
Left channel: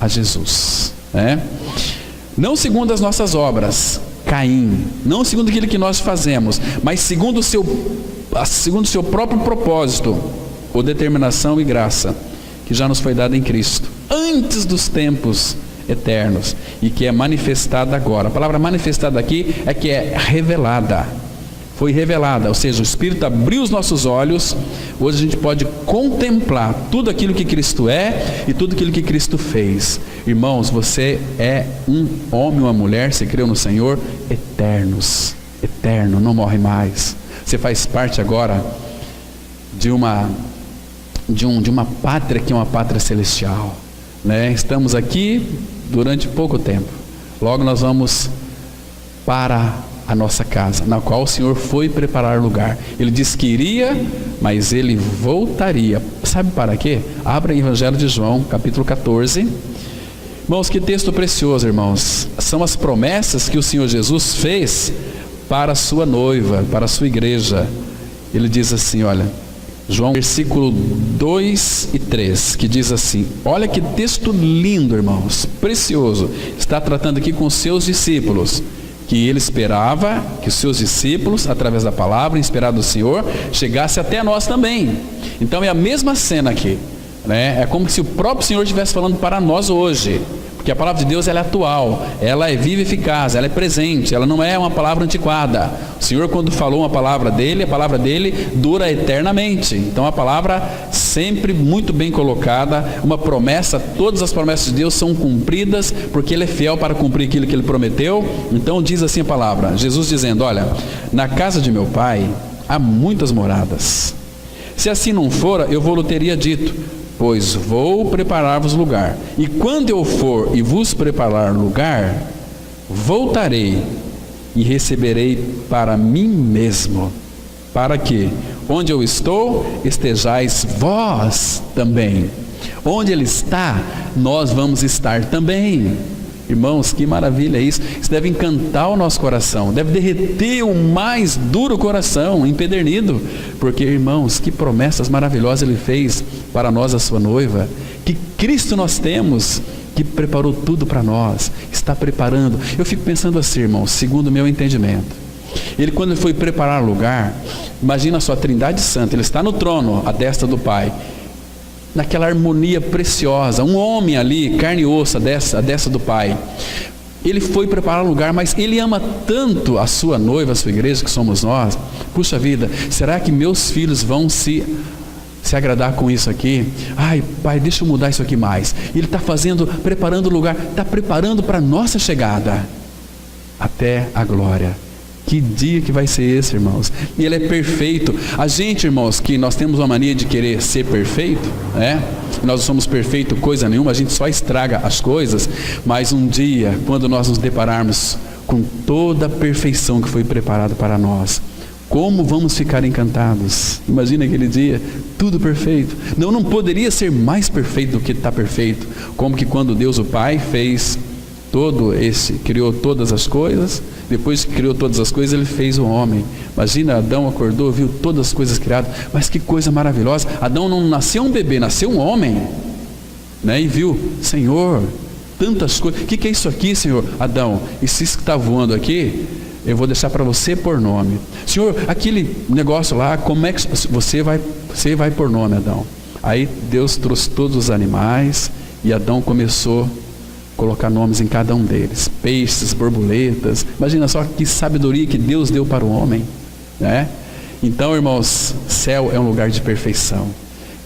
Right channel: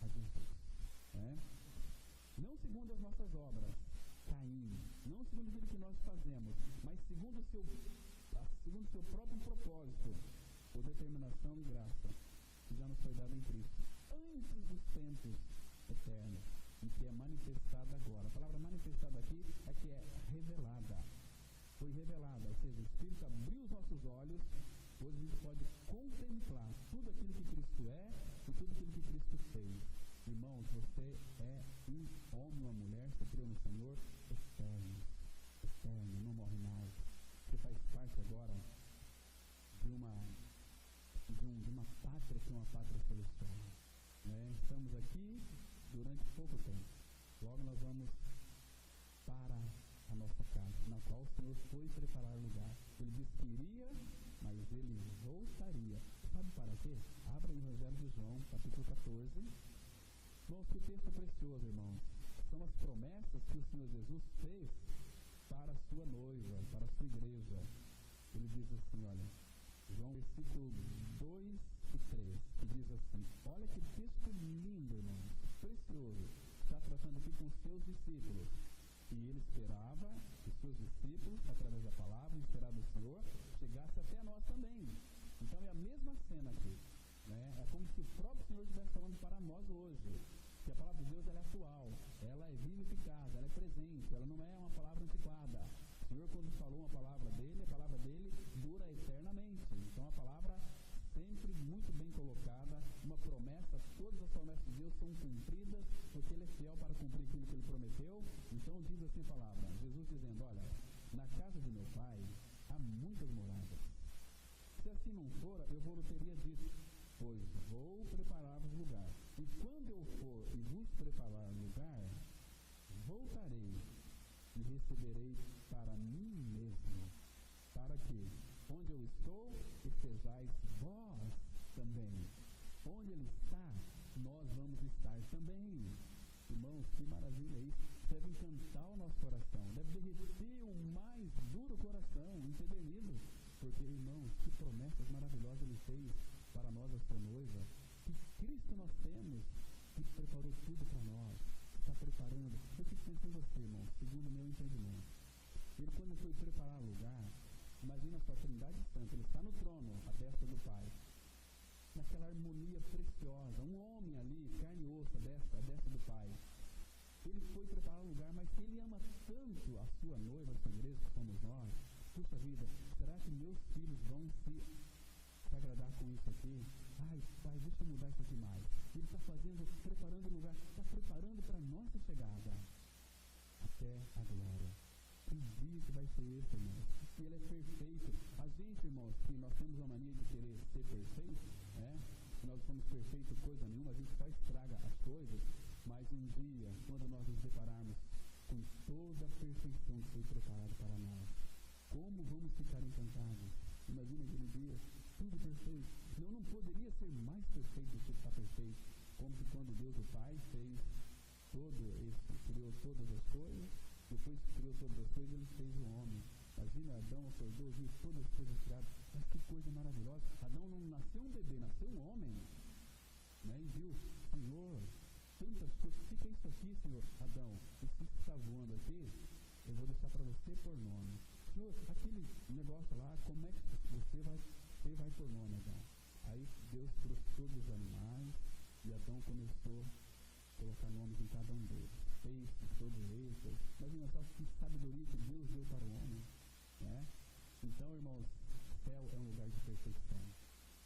a Jesus, né? Não segundo as nossas obras, Caim, não segundo aquilo que nós fazemos, mas segundo o seu próprio propósito, ou determinação e graça, que já nos foi dada em Cristo, antes dos tempos eternos, e que é manifestada agora. A palavra manifestada aqui é que é revelada, foi revelada, ou seja, o Espírito abriu os nossos olhos. Hoje a gente pode contemplar tudo aquilo que Cristo é e tudo aquilo que Cristo fez. Irmãos, você é um homem ou uma mulher, se creu no Senhor, eternos, eterno, não morre mais. Você faz parte agora de uma pátria que é uma pátria celestial, né? Estamos aqui durante pouco tempo, logo nós vamos para a nossa casa, na qual o Senhor foi preparar lugar. Ele disse que iria, mas Ele voltaria. Sabe para quê? Abra o Evangelho de João, capítulo 14. Irmãos, que texto precioso, irmãos. São as promessas que o Senhor Jesus fez para a sua noiva, para a sua igreja. Ele diz assim, olha: João, versículo 2 e 3, que diz assim, olha que texto lindo, irmãos, precioso. Está tratando aqui com os seus discípulos, que ele esperava que os seus discípulos, através da palavra inspirada do Senhor, chegasse até nós também. Então é a mesma cena aqui, né? É como se o próprio Senhor estivesse falando para nós hoje, porque a palavra de Deus ela é atual, ela é viva e eficaz, ela é presente, ela não é uma palavra antiquada. O Senhor, quando falou uma palavra dele, a palavra dele dura eternamente. Então a palavra sempre muito bem colocada, uma promessa, todas as promessas de Deus são cumpridas, porque ele é fiel para cumprir aquilo que ele prometeu. Então diz assim a palavra, Jesus dizendo, olha, na casa de meu pai há muitas moradas, se assim não fora, eu vou-lhe teria dito, pois vou preparar-vos lugar, e quando eu for e vos preparar lugar, voltarei e receberei para mim mesmo, para que, onde eu estou, estejais vós também. Onde ele está, nós vamos estar também. Irmãos, que maravilha é isso. Isso deve encantar o nosso coração, deve derreter o mais duro coração, empedernido, porque, irmãos, que promessas maravilhosas ele fez para nós, a sua noiva. Que Cristo nós temos, que preparou tudo para nós, está preparando. Eu fico pensando assim, irmãos, segundo o meu entendimento, ele, quando ele foi preparar lugar, imagina a sua Trindade Santa, ele está no trono, à destra do Pai, naquela harmonia preciosa, um homem ali, carne e osso, à destra do Pai. Ele foi preparar lugar, mas ele ama tanto a sua noiva, a sua igreja, que somos nós. Puxa vida, será que meus filhos vão se agradar com isso aqui? Ai, pai, deixa eu mudar isso aqui mais. Ele está preparando o lugar, está preparando para a nossa chegada até a glória. Que dia que vai ser esse, irmãos? E ele é perfeito. A gente, irmãos, que nós temos uma mania de querer ser perfeito, né? Nós não somos perfeitos coisa nenhuma, a gente só estraga as coisas. Mas um dia, quando nós nos depararmos com toda a perfeição que foi preparada para nós, como vamos ficar encantados? Imagina aquele dia, tudo perfeito. Não poderia ser mais perfeito do que está perfeito. Como que quando Deus o Pai fez criou todas as coisas, depois que criou todas as coisas, ele fez o homem. Imagina, Adão acordou, viu todas as coisas criadas, mas que coisa maravilhosa. Adão não nasceu um bebê, nasceu um homem, né? E viu, Senhor, tantas coisas. O que é isso aqui, Senhor? Adão, isso que está voando aqui, eu vou deixar para você pôr nome. Senhor, aquele negócio lá, como é que você vai pôr nome, Adão? Aí Deus trouxe todos os animais e Adão começou colocar nomes em cada um deles, peixes, borboletas. Imagina só que sabedoria que Deus deu para o homem, né? Então, irmãos, céu é um lugar de perfeição.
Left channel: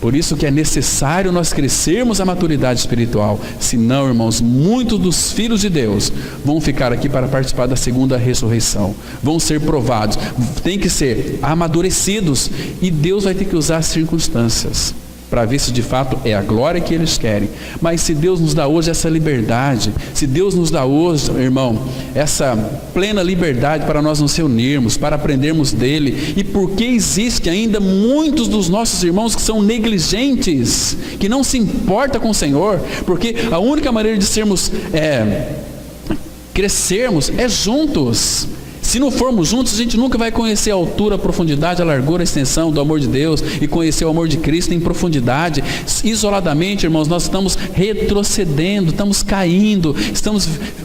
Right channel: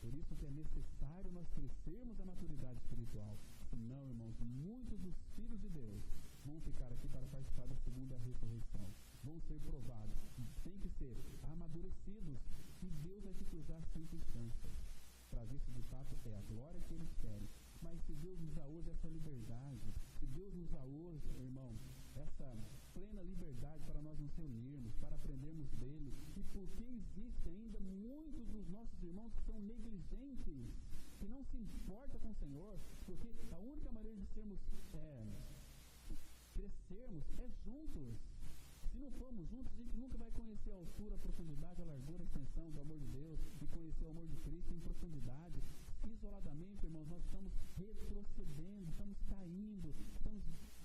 Por isso que é necessário nós crescermos a maturidade espiritual. Senão, irmãos, muitos dos filhos de Deus vão ficar aqui para participar da segunda ressurreição, vão ser provados, tem que ser amadurecidos, e Deus vai ter que usar as circunstâncias para ver se de fato é a glória que eles querem. Mas se Deus nos dá hoje essa liberdade, se Deus nos dá hoje, irmão, essa plena liberdade para nós nos reunirmos, para aprendermos dele, e porque existe ainda muitos dos nossos irmãos que são negligentes, que não se importam com o Senhor, porque a única maneira de crescermos é juntos. Se não formos juntos, a gente nunca vai conhecer a altura, a profundidade, a largura, a extensão do amor de Deus e conhecer o amor de Cristo em profundidade. Isoladamente, irmãos, nós estamos retrocedendo, estamos caindo,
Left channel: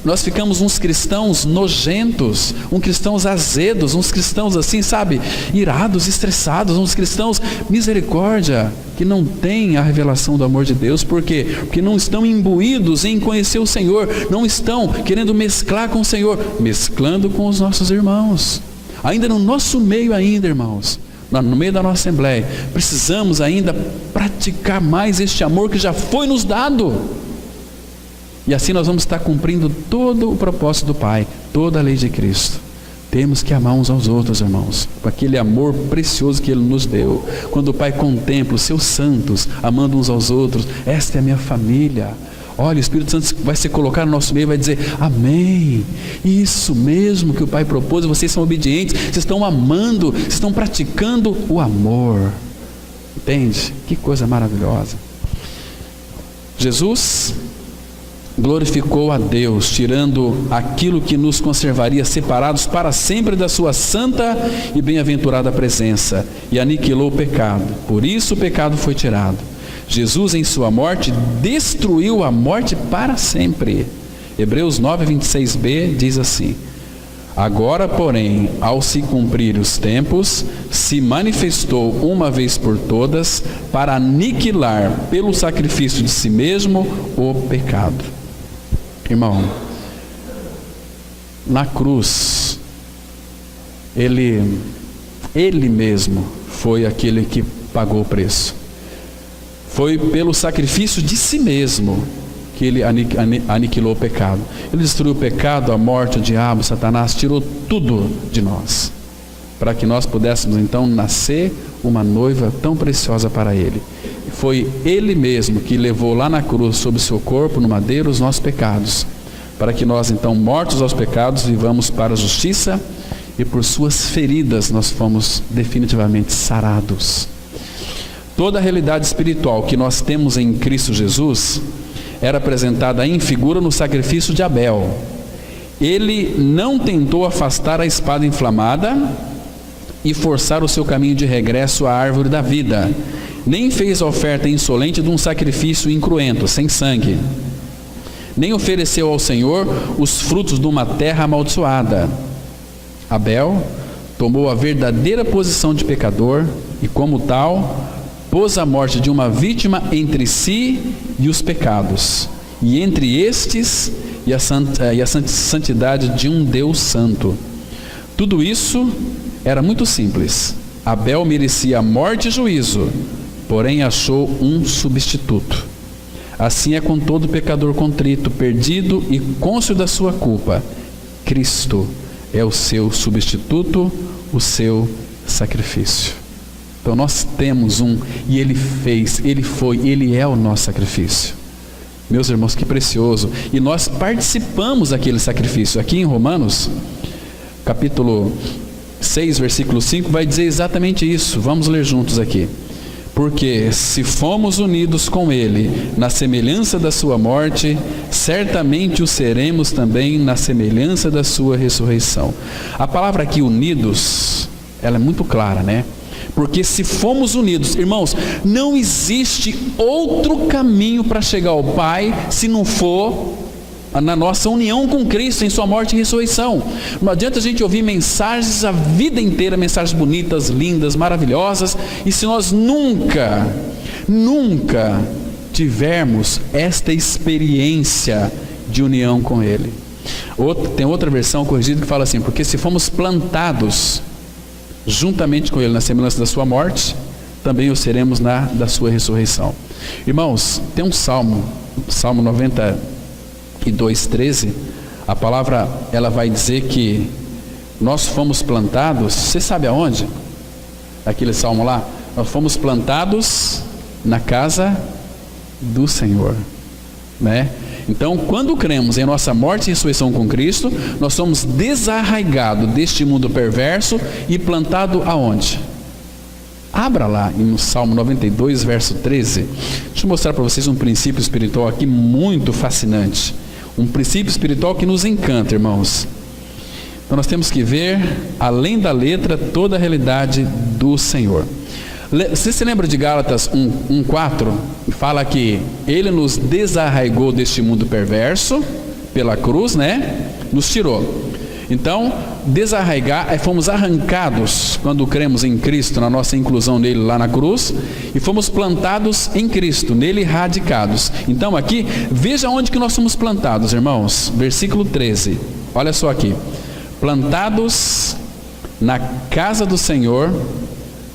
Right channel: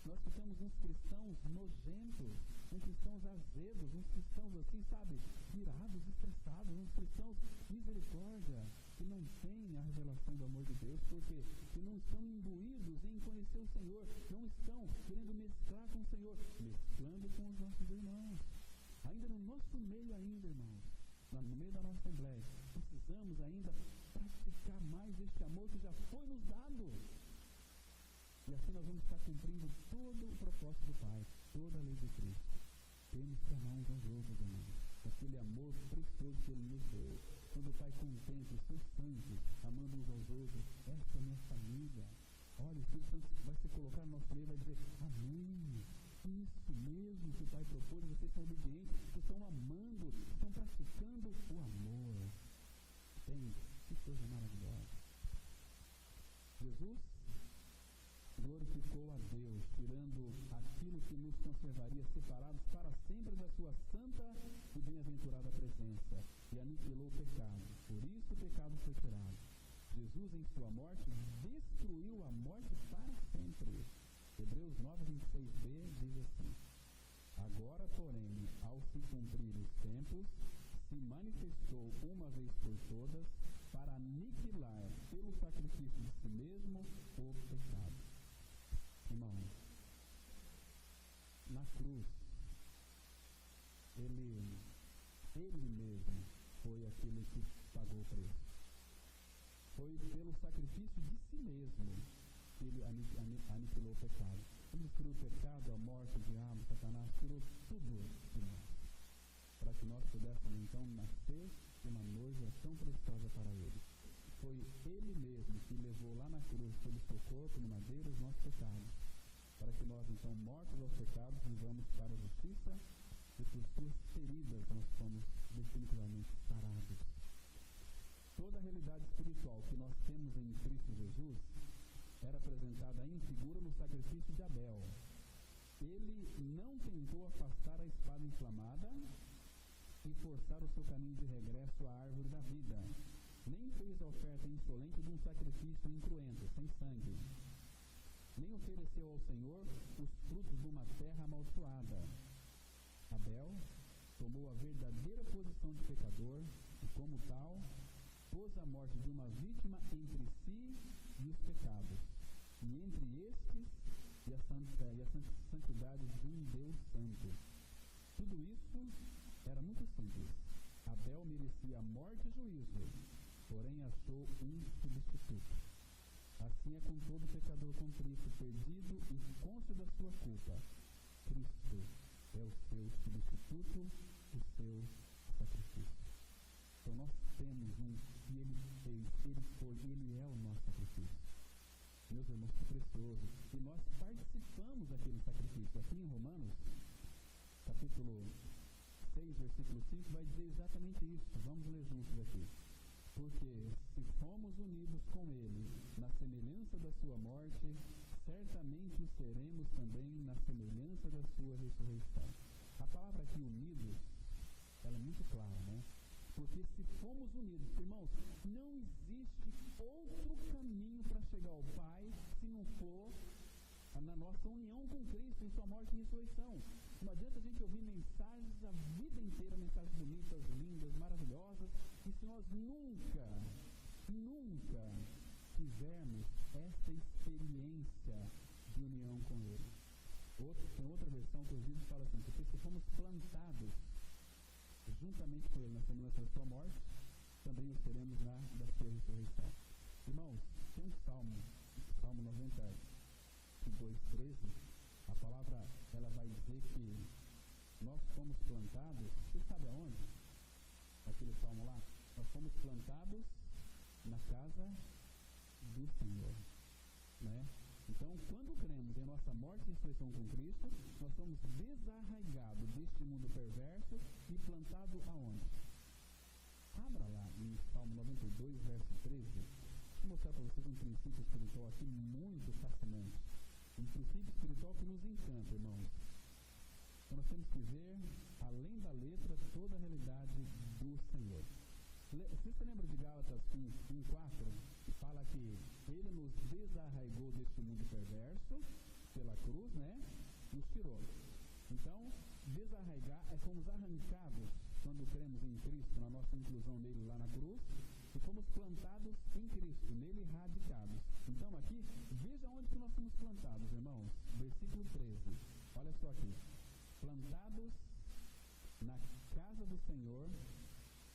nós ficamos uns cristãos nojentos, uns cristãos azedos, uns cristãos assim, sabe, irados, estressados, uns cristãos misericórdia, que não têm a revelação do amor de Deus. Por quê? Porque não estão imbuídos em conhecer o Senhor, não estão querendo mesclar com o Senhor, mesclando com os nossos irmãos, ainda no nosso meio ainda, irmãos, no meio da nossa assembleia, precisamos ainda praticar mais este amor que já foi nos dado, e assim nós vamos estar cumprindo todo o propósito do Pai, toda a lei de Cristo. Temos que amar uns aos outros, irmãos, com aquele amor precioso que Ele nos deu. Quando o Pai contempla os seus santos, amando uns aos outros, esta é a minha família. Olha, o Espírito Santo vai se colocar no nosso meio e vai dizer, amém, isso mesmo que o Pai propôs, vocês são obedientes, vocês estão amando, vocês estão praticando o amor. Entende? Que coisa maravilhosa. Jesus, glorificou a Deus, tirando aquilo que nos conservaria separados para sempre da sua santa e bem-aventurada presença, e aniquilou o pecado. Por isso o pecado foi tirado. Jesus, em sua morte, destruiu a morte para sempre. Hebreus 9:26b diz assim: agora, porém, ao se cumprir os tempos, se manifestou uma vez por todas para aniquilar pelo sacrifício de si mesmo o pecado. Irmão, na cruz, Ele mesmo foi aquele que pagou o preço. Foi pelo sacrifício de si mesmo que Ele aniquilou o pecado. Ele destruiu o pecado, a morte, o diabo, Satanás, tirou tudo de nós, para que nós pudéssemos então nascer uma noiva tão preciosa para Ele. Foi Ele mesmo que levou lá na cruz, sobre o seu corpo, no madeiro, os nossos pecados, para que nós então, mortos aos pecados, vivamos para a justiça, e por suas feridas nós fomos definitivamente sarados. Toda a realidade espiritual que nós temos em Cristo Jesus era apresentada em figura no sacrifício de Abel. Ele não tentou afastar a espada inflamada e forçar o seu caminho de regresso à árvore da vida, nem fez a oferta insolente de um sacrifício incruento, sem sangue, nem ofereceu ao Senhor os frutos de uma terra amaldiçoada. Abel tomou a verdadeira posição de pecador e, como tal, pôs a morte de uma vítima entre si e os pecados, e entre estes e a santidade de um Deus santo. Tudo isso era muito simples. Abel merecia morte e juízo, porém achou um substituto. Assim é com todo pecador contrito, perdido e cônscio da sua culpa. Cristo é o seu substituto, o seu sacrifício. Então nós temos e Ele fez, Ele foi, Ele é o nosso sacrifício. Meus irmãos, que precioso. E nós participamos daquele sacrifício. Aqui em Romanos, capítulo 6, versículo 5, vai dizer exatamente isso. Vamos ler juntos aqui. Porque se fomos unidos com Ele na semelhança da sua morte, certamente o seremos também na semelhança da sua ressurreição. A palavra aqui, unidos, ela é muito clara, né? Porque se fomos unidos, irmãos, não existe outro caminho para chegar ao Pai se não for na nossa união com Cristo em sua morte e ressurreição. Não adianta a gente ouvir mensagens a vida inteira, mensagens bonitas, lindas, maravilhosas, e se nós nunca tivermos esta experiência de união com Ele. Tem outra versão corrigida que fala assim: porque se fomos plantados juntamente com Ele na semelhança da sua morte, também o seremos na da sua ressurreição. Irmãos, tem um Salmo 92:13, a palavra ela vai dizer que nós fomos plantados, você sabe aonde? Aquele salmo lá, nós fomos plantados na casa do Senhor, né? Então, quando cremos em nossa morte e ressurreição com Cristo, nós somos desarraigados deste mundo perverso e plantado aonde? Abra lá no Salmo 92, verso 13. Deixa eu mostrar para vocês um princípio espiritual aqui muito fascinante. Um princípio espiritual que nos encanta, irmãos. Então nós temos que ver, além da letra, toda a realidade do Senhor. Você se lembra de Gálatas 1:4? Fala que Ele nos desarraigou deste mundo perverso, pela cruz, né? Nos tirou. Então, desarraigar, fomos arrancados quando cremos em Cristo, na nossa inclusão nele lá na cruz, e fomos plantados em Cristo, nele radicados. Então aqui, veja onde que nós somos plantados, irmãos. Versículo 13, olha só aqui. Plantados na casa do Senhor,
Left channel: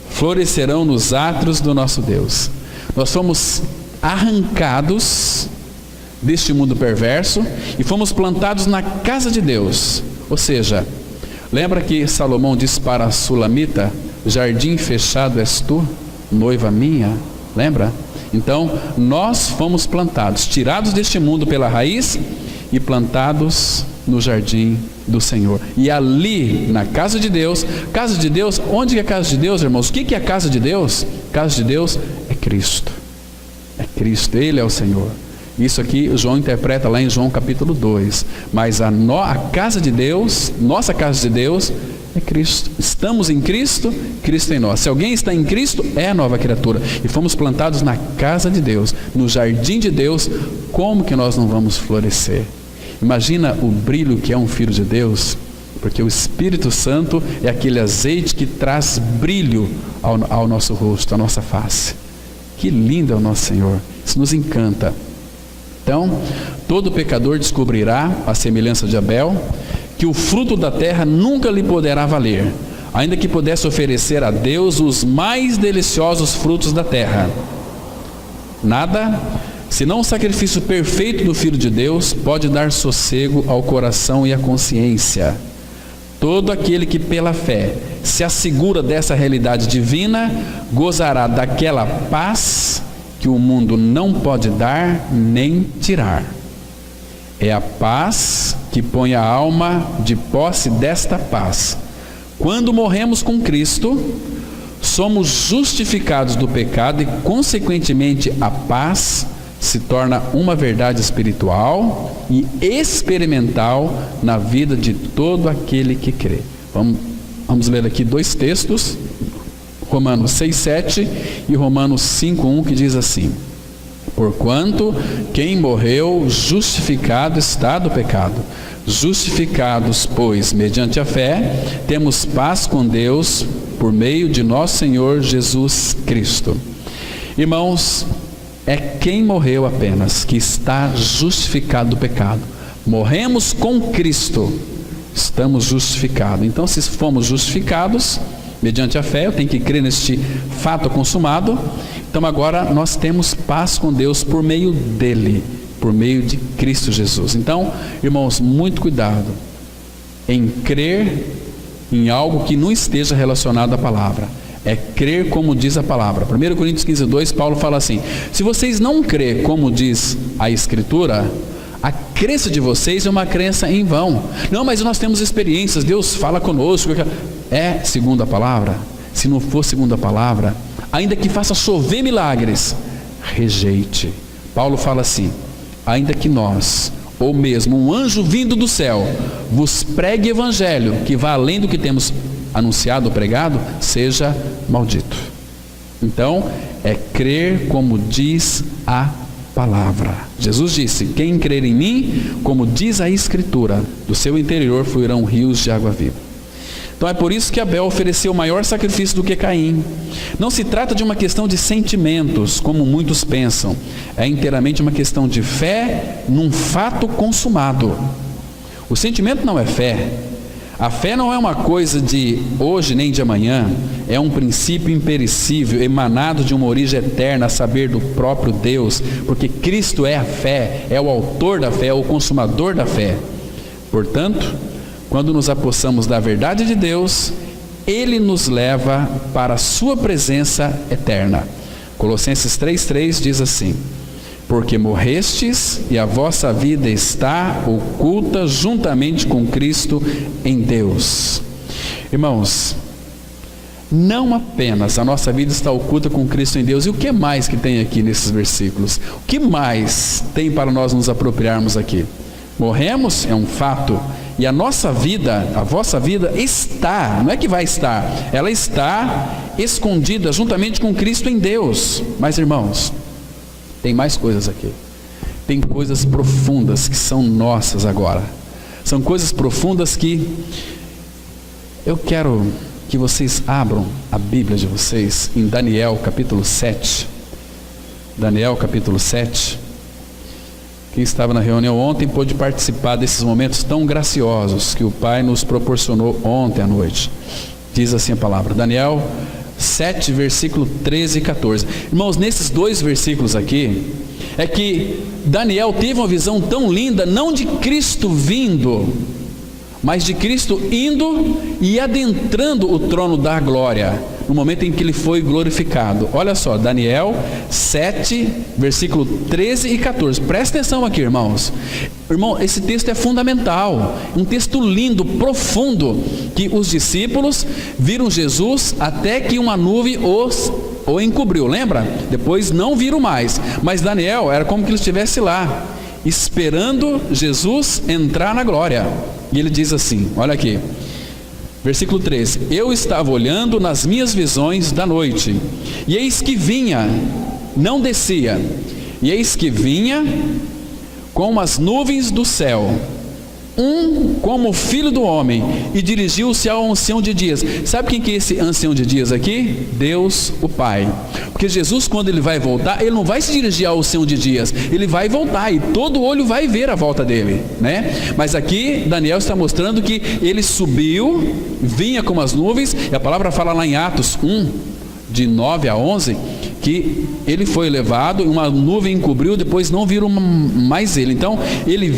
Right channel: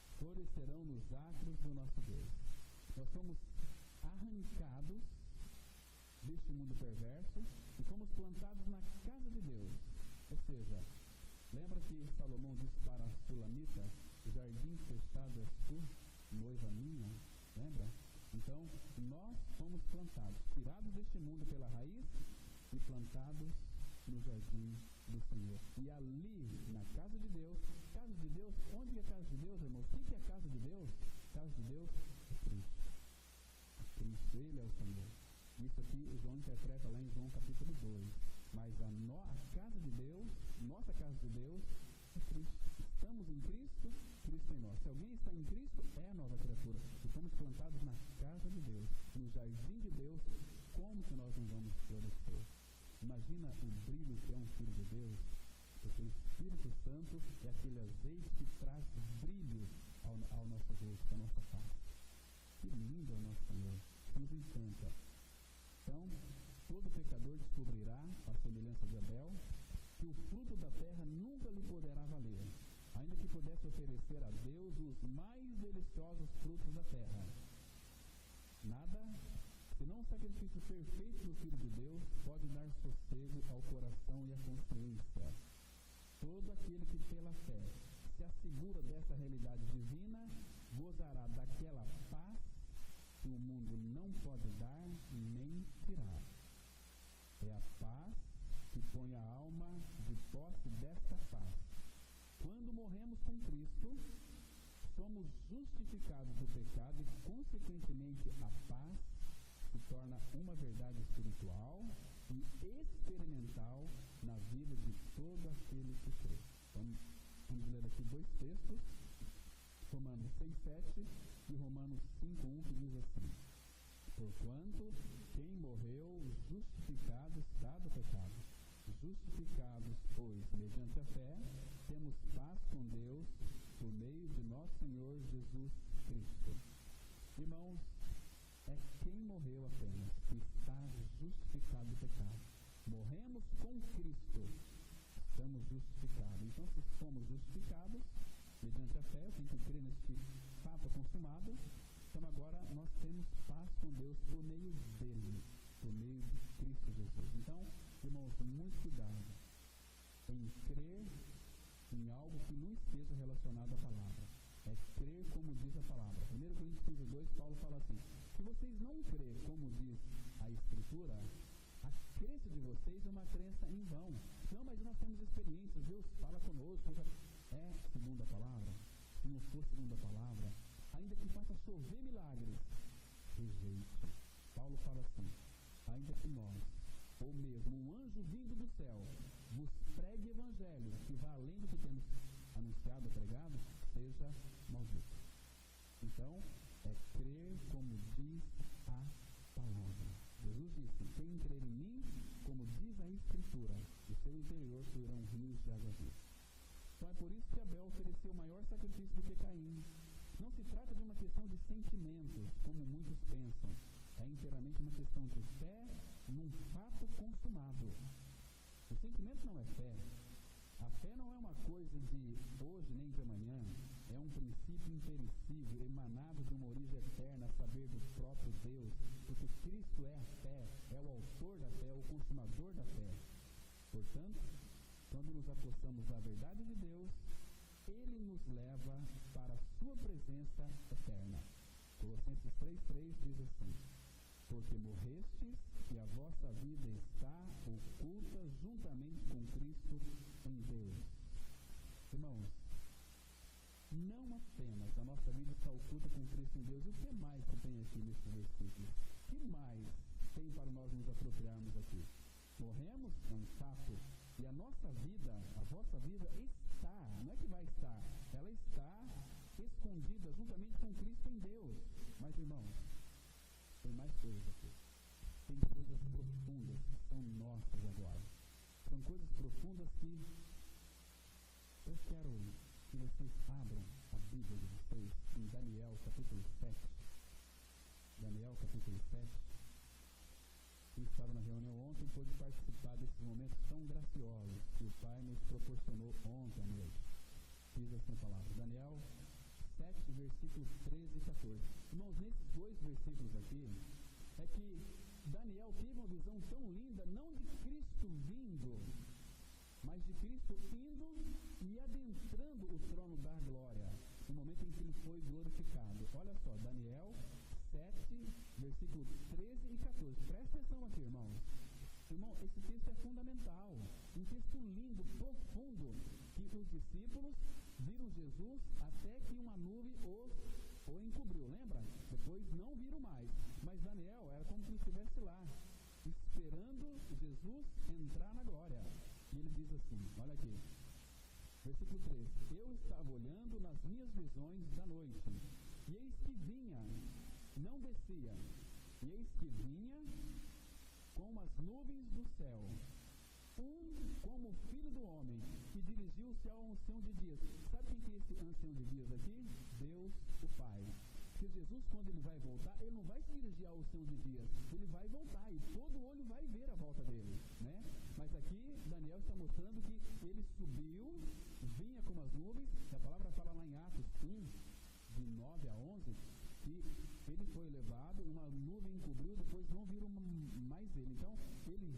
florescerão nos átrios do nosso Deus. Nós fomos arrancados deste mundo perverso e fomos plantados na casa de Deus. Ou seja, lembra que Salomão disse para a Sulamita: jardim fechado és tu, noiva minha? Lembra? Então, nós fomos plantados, tirados deste mundo pela raiz e plantados no jardim do Senhor. E ali, na casa de Deus, onde é a casa de Deus, irmãos? O que é a casa de Deus? A casa de Deus é Cristo. É Cristo, Ele é o Senhor. Isso aqui João interpreta lá em João capítulo 2. Mas a casa de Deus, nossa casa de Deus, é Cristo. Estamos em Cristo, Cristo em nós. Se alguém está em Cristo, é a nova criatura. E fomos plantados na casa de Deus, no jardim de Deus. Como que nós não vamos florescer? Imagina o brilho que é um filho de Deus, porque o Espírito Santo é aquele azeite que traz brilho ao nosso rosto, à nossa face. Que lindo é o nosso Senhor. Isso nos encanta. Então, todo pecador descobrirá, à semelhança de Abel, que o fruto da terra nunca lhe poderá valer, ainda que pudesse oferecer a Deus os mais deliciosos frutos da terra. Nada, senão o sacrifício perfeito do Filho de Deus, pode dar sossego ao coração e à consciência. Todo aquele que pela fé se assegura dessa realidade divina, gozará daquela paz que o mundo não pode dar nem tirar. É a paz que põe a alma de posse desta paz. Quando morremos com Cristo, somos justificados do pecado e, consequentemente, a paz se torna uma verdade espiritual e experimental na vida de todo aquele que crê. Vamos ler aqui dois textos, Romanos 6,7 e Romanos 5,1, que diz assim: porquanto quem morreu justificado está do pecado. Justificados, pois, mediante a fé, temos paz com Deus por meio de nosso Senhor Jesus Cristo. Irmãos, é quem morreu apenas que está justificado do pecado. Morremos com Cristo, estamos justificados. Então, se fomos justificados mediante a fé, eu tenho que crer neste fato consumado. Então agora nós temos paz com Deus por meio dele, por meio de Cristo Jesus. Então, irmãos, muito cuidado em crer em algo que não esteja relacionado à palavra. É crer como diz a palavra. 1 Coríntios 15:2, Paulo fala assim: se vocês não crêem como diz a Escritura, a crença de vocês é uma crença em vão. Não, mas nós temos experiências, Deus fala conosco. É segundo a palavra? Se não for segundo a palavra, ainda que faça chover milagres, rejeite. Paulo fala assim: ainda que nós, ou mesmo um anjo vindo do céu, vos pregue evangelho que vá além do que temos anunciado ou pregado, seja maldito. Então, é crer como diz a palavra. Jesus disse: quem crer em mim, como diz a Escritura, do seu interior fluirão rios de água viva. Então é por isso que Abel ofereceu maior sacrifício do que Caim. Não se trata de uma questão de sentimentos, como muitos pensam. É inteiramente uma questão de fé num fato consumado. O sentimento não é fé. A fé não é uma coisa de hoje nem de amanhã. É um princípio imperecível, emanado de uma origem eterna, a saber, do próprio Deus. Porque Cristo é a fé, é o autor da fé, é o consumador da fé. Portanto, quando nos apossamos da verdade de Deus, Ele nos leva para a sua presença eterna. Colossenses 3,3 diz assim: porque morrestes e a vossa vida está oculta juntamente com Cristo em Deus. Irmãos, não apenas a nossa vida está oculta com Cristo em Deus. E o que mais que tem aqui nesses versículos? O que mais tem para nós nos apropriarmos aqui? Morremos, é um fato. E a nossa vida, a vossa vida está, não é que vai estar, ela está escondida juntamente com Cristo em Deus. Mas, irmãos, tem mais coisas aqui. Tem coisas profundas que são nossas agora. São coisas profundas que eu quero que vocês abram a Bíblia de vocês em Daniel capítulo 7. Daniel capítulo 7. Quem estava na reunião ontem pôde participar desses momentos tão graciosos que o Pai nos proporcionou ontem à noite. Diz assim a palavra, Daniel 7, versículo 13 e 14. Irmãos, nesses dois versículos aqui, é que Daniel teve uma visão tão linda, não de Cristo vindo, mas de Cristo indo e adentrando o trono da glória, no momento em que ele foi glorificado. Olha só, Daniel 7, versículo 13 e 14. Presta atenção aqui, irmãos. Irmão, esse texto é fundamental, um texto lindo, profundo, que os discípulos viram Jesus até que uma nuvem os ou encobriu, lembra? Depois não viram mais, mas Daniel era como que ele estivesse lá, esperando Jesus entrar na glória. E ele diz assim, olha aqui, versículo 13: eu estava olhando nas minhas visões da noite, e eis que vinha, não descia, e eis que vinha com as nuvens do céu, como filho do homem, e dirigiu-se ao ancião de dias. Sabe quem que é esse ancião de dias aqui? Deus o Pai. Porque Jesus, quando ele vai voltar, ele não vai se dirigir ao ancião de dias, ele vai voltar e todo olho vai ver a volta dele, né? Mas aqui Daniel está mostrando que ele subiu, vinha com as nuvens, e a palavra fala lá em Atos 1, de 9 a 11, que ele foi levado, uma nuvem encobriu, depois não viram mais ele. Então ele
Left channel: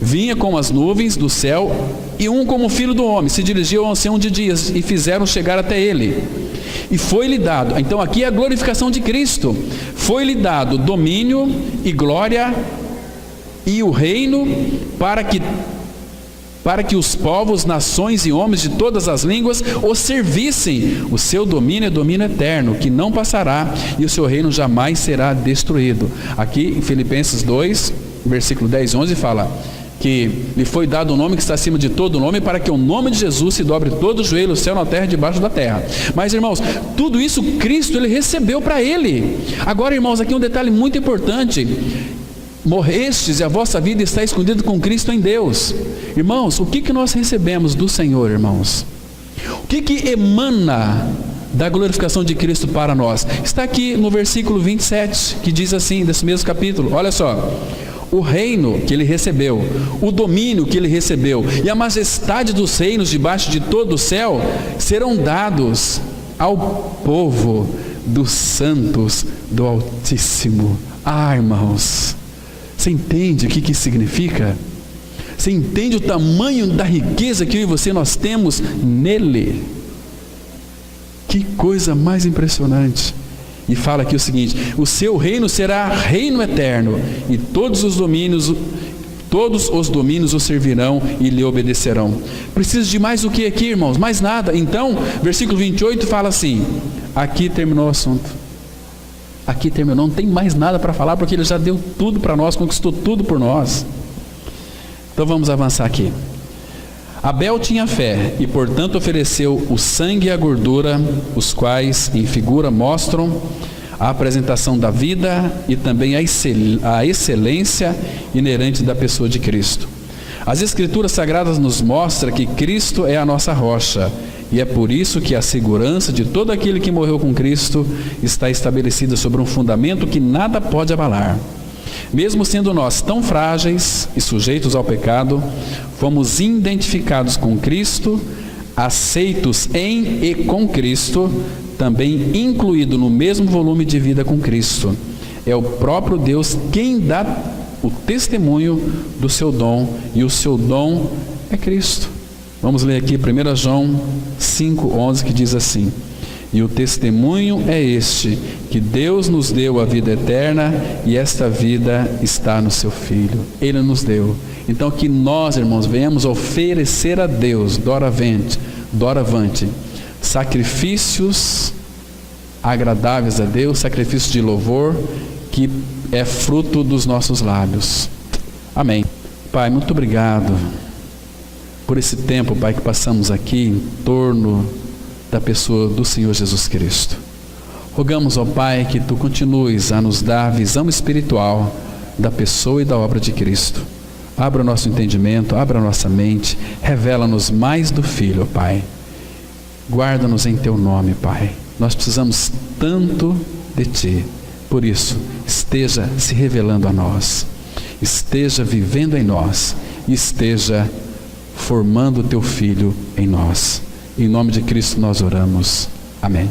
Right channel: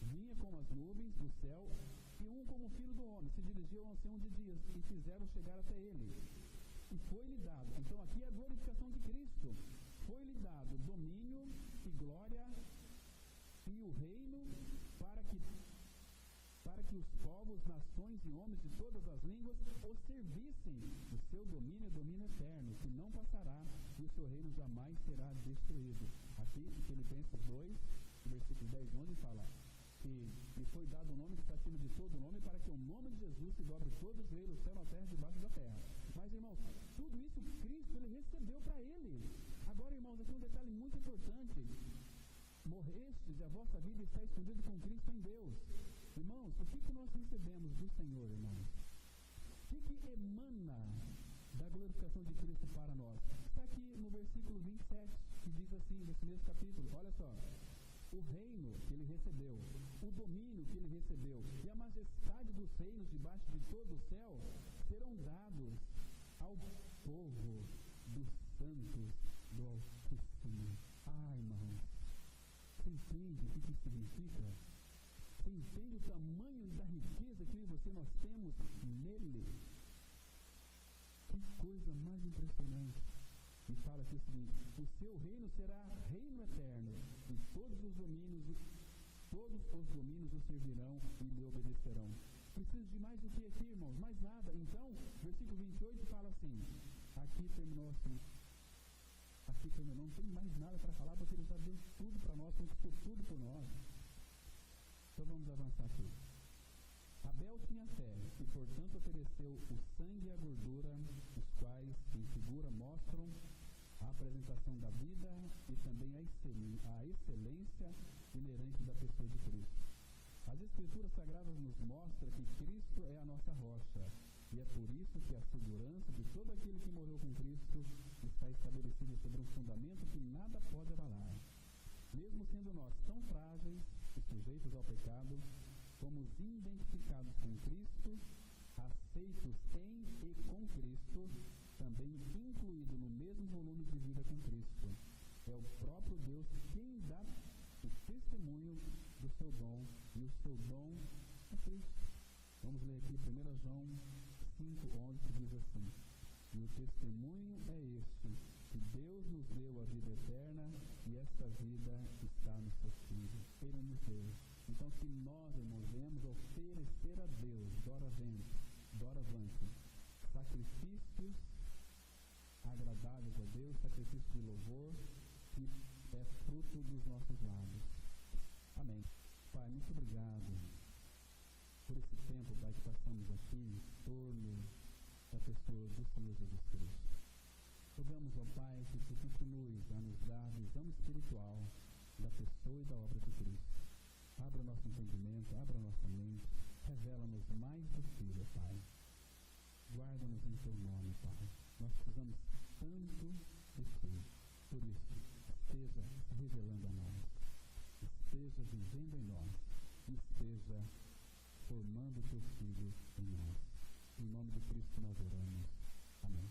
vinha com as nuvens do céu, e como filho do homem, se dirigiu ao ancião de dias, e fizeram chegar até ele, e foi-lhe dado, então aqui é a glorificação de Cristo, foi-lhe dado domínio e glória e o reino, para que os povos, nações e homens de todas as línguas o servissem. O seu domínio é domínio eterno, que não passará, e o seu reino jamais será destruído. Aqui em Filipenses 2, versículo 10 e 11 fala que lhe foi dado um nome que está acima de todo nome, para que o nome de Jesus se dobre todo o joelho, o céu, na terra e debaixo da terra. Mas, irmãos, tudo isso Cristo ele recebeu para ele. Agora, irmãos, aqui um detalhe muito importante: morrestes e a vossa vida está escondida com Cristo em Deus. Irmãos, o que nós recebemos do Senhor, irmãos? O que emana da glorificação de Cristo para nós? Está aqui no versículo 27, que diz assim, desse mesmo capítulo, olha só: o reino que ele recebeu, o domínio que ele recebeu, e a majestade dos reinos debaixo de todo o céu serão dados ao povo dos santos do Altíssimo. Irmãos, você entende o que isso significa? Você entende o tamanho da riqueza que eu e você nós temos nele? Que coisa mais impressionante. E fala aqui o seguinte: o seu reino será reino eterno, e todos os domínios o servirão e lhe obedecerão. Precisa de mais o que aqui, irmãos? Mais nada. Então, versículo 28 fala assim: aqui terminou o assunto. Aqui terminou, não tem mais nada para falar, porque ele já deu tudo para nós, conquistou tudo por nós. Então vamos avançar aqui. Abel tinha fé e, portanto, ofereceu o sangue e a gordura, os quais, em figura, mostram a apresentação da vida e também a excelência inerente da pessoa de Cristo. As Escrituras Sagradas nos mostram que Cristo é a nossa rocha, e é por isso que a segurança de todo aquele que morreu com Cristo está estabelecida sobre um fundamento que nada pode abalar. Mesmo sendo nós tão frágeis e sujeitos ao pecado, fomos identificados com Cristo, aceitos em e com Cristo, também incluído no mesmo volume de vida com Cristo. É o próprio Deus quem dá o testemunho do seu dom, e o seu dom é Cristo. Vamos ler aqui 1 João 5,11, que diz assim: e o testemunho é este, que Deus nos deu a vida eterna, e esta vida está no seu Filho. Ele nos deu. Então que nós, irmãos, venhamos oferecer a Deus, doravante, sacrifícios agradáveis a Deus, sacrifício de louvor, que é fruto dos nossos lábios. Amém. Pai, muito obrigado por esse tempo, Pai, que passamos aqui em torno da pessoa do Senhor Jesus Cristo. Rogamos, ó Pai, que Tu continues a nos dar a visão espiritual da pessoa e da obra de Cristo. Abra o nosso entendimento, abra a nossa mente, revela-nos mais do Filho, ó Pai. Guarda-nos em Teu nome, Pai. Nós precisamos tanto de Ti. Por isso, esteja se revelando a nós, esteja vivendo em nós, e esteja formando o Teu Filho em nós. Em nome de Cristo nós oramos. Amém.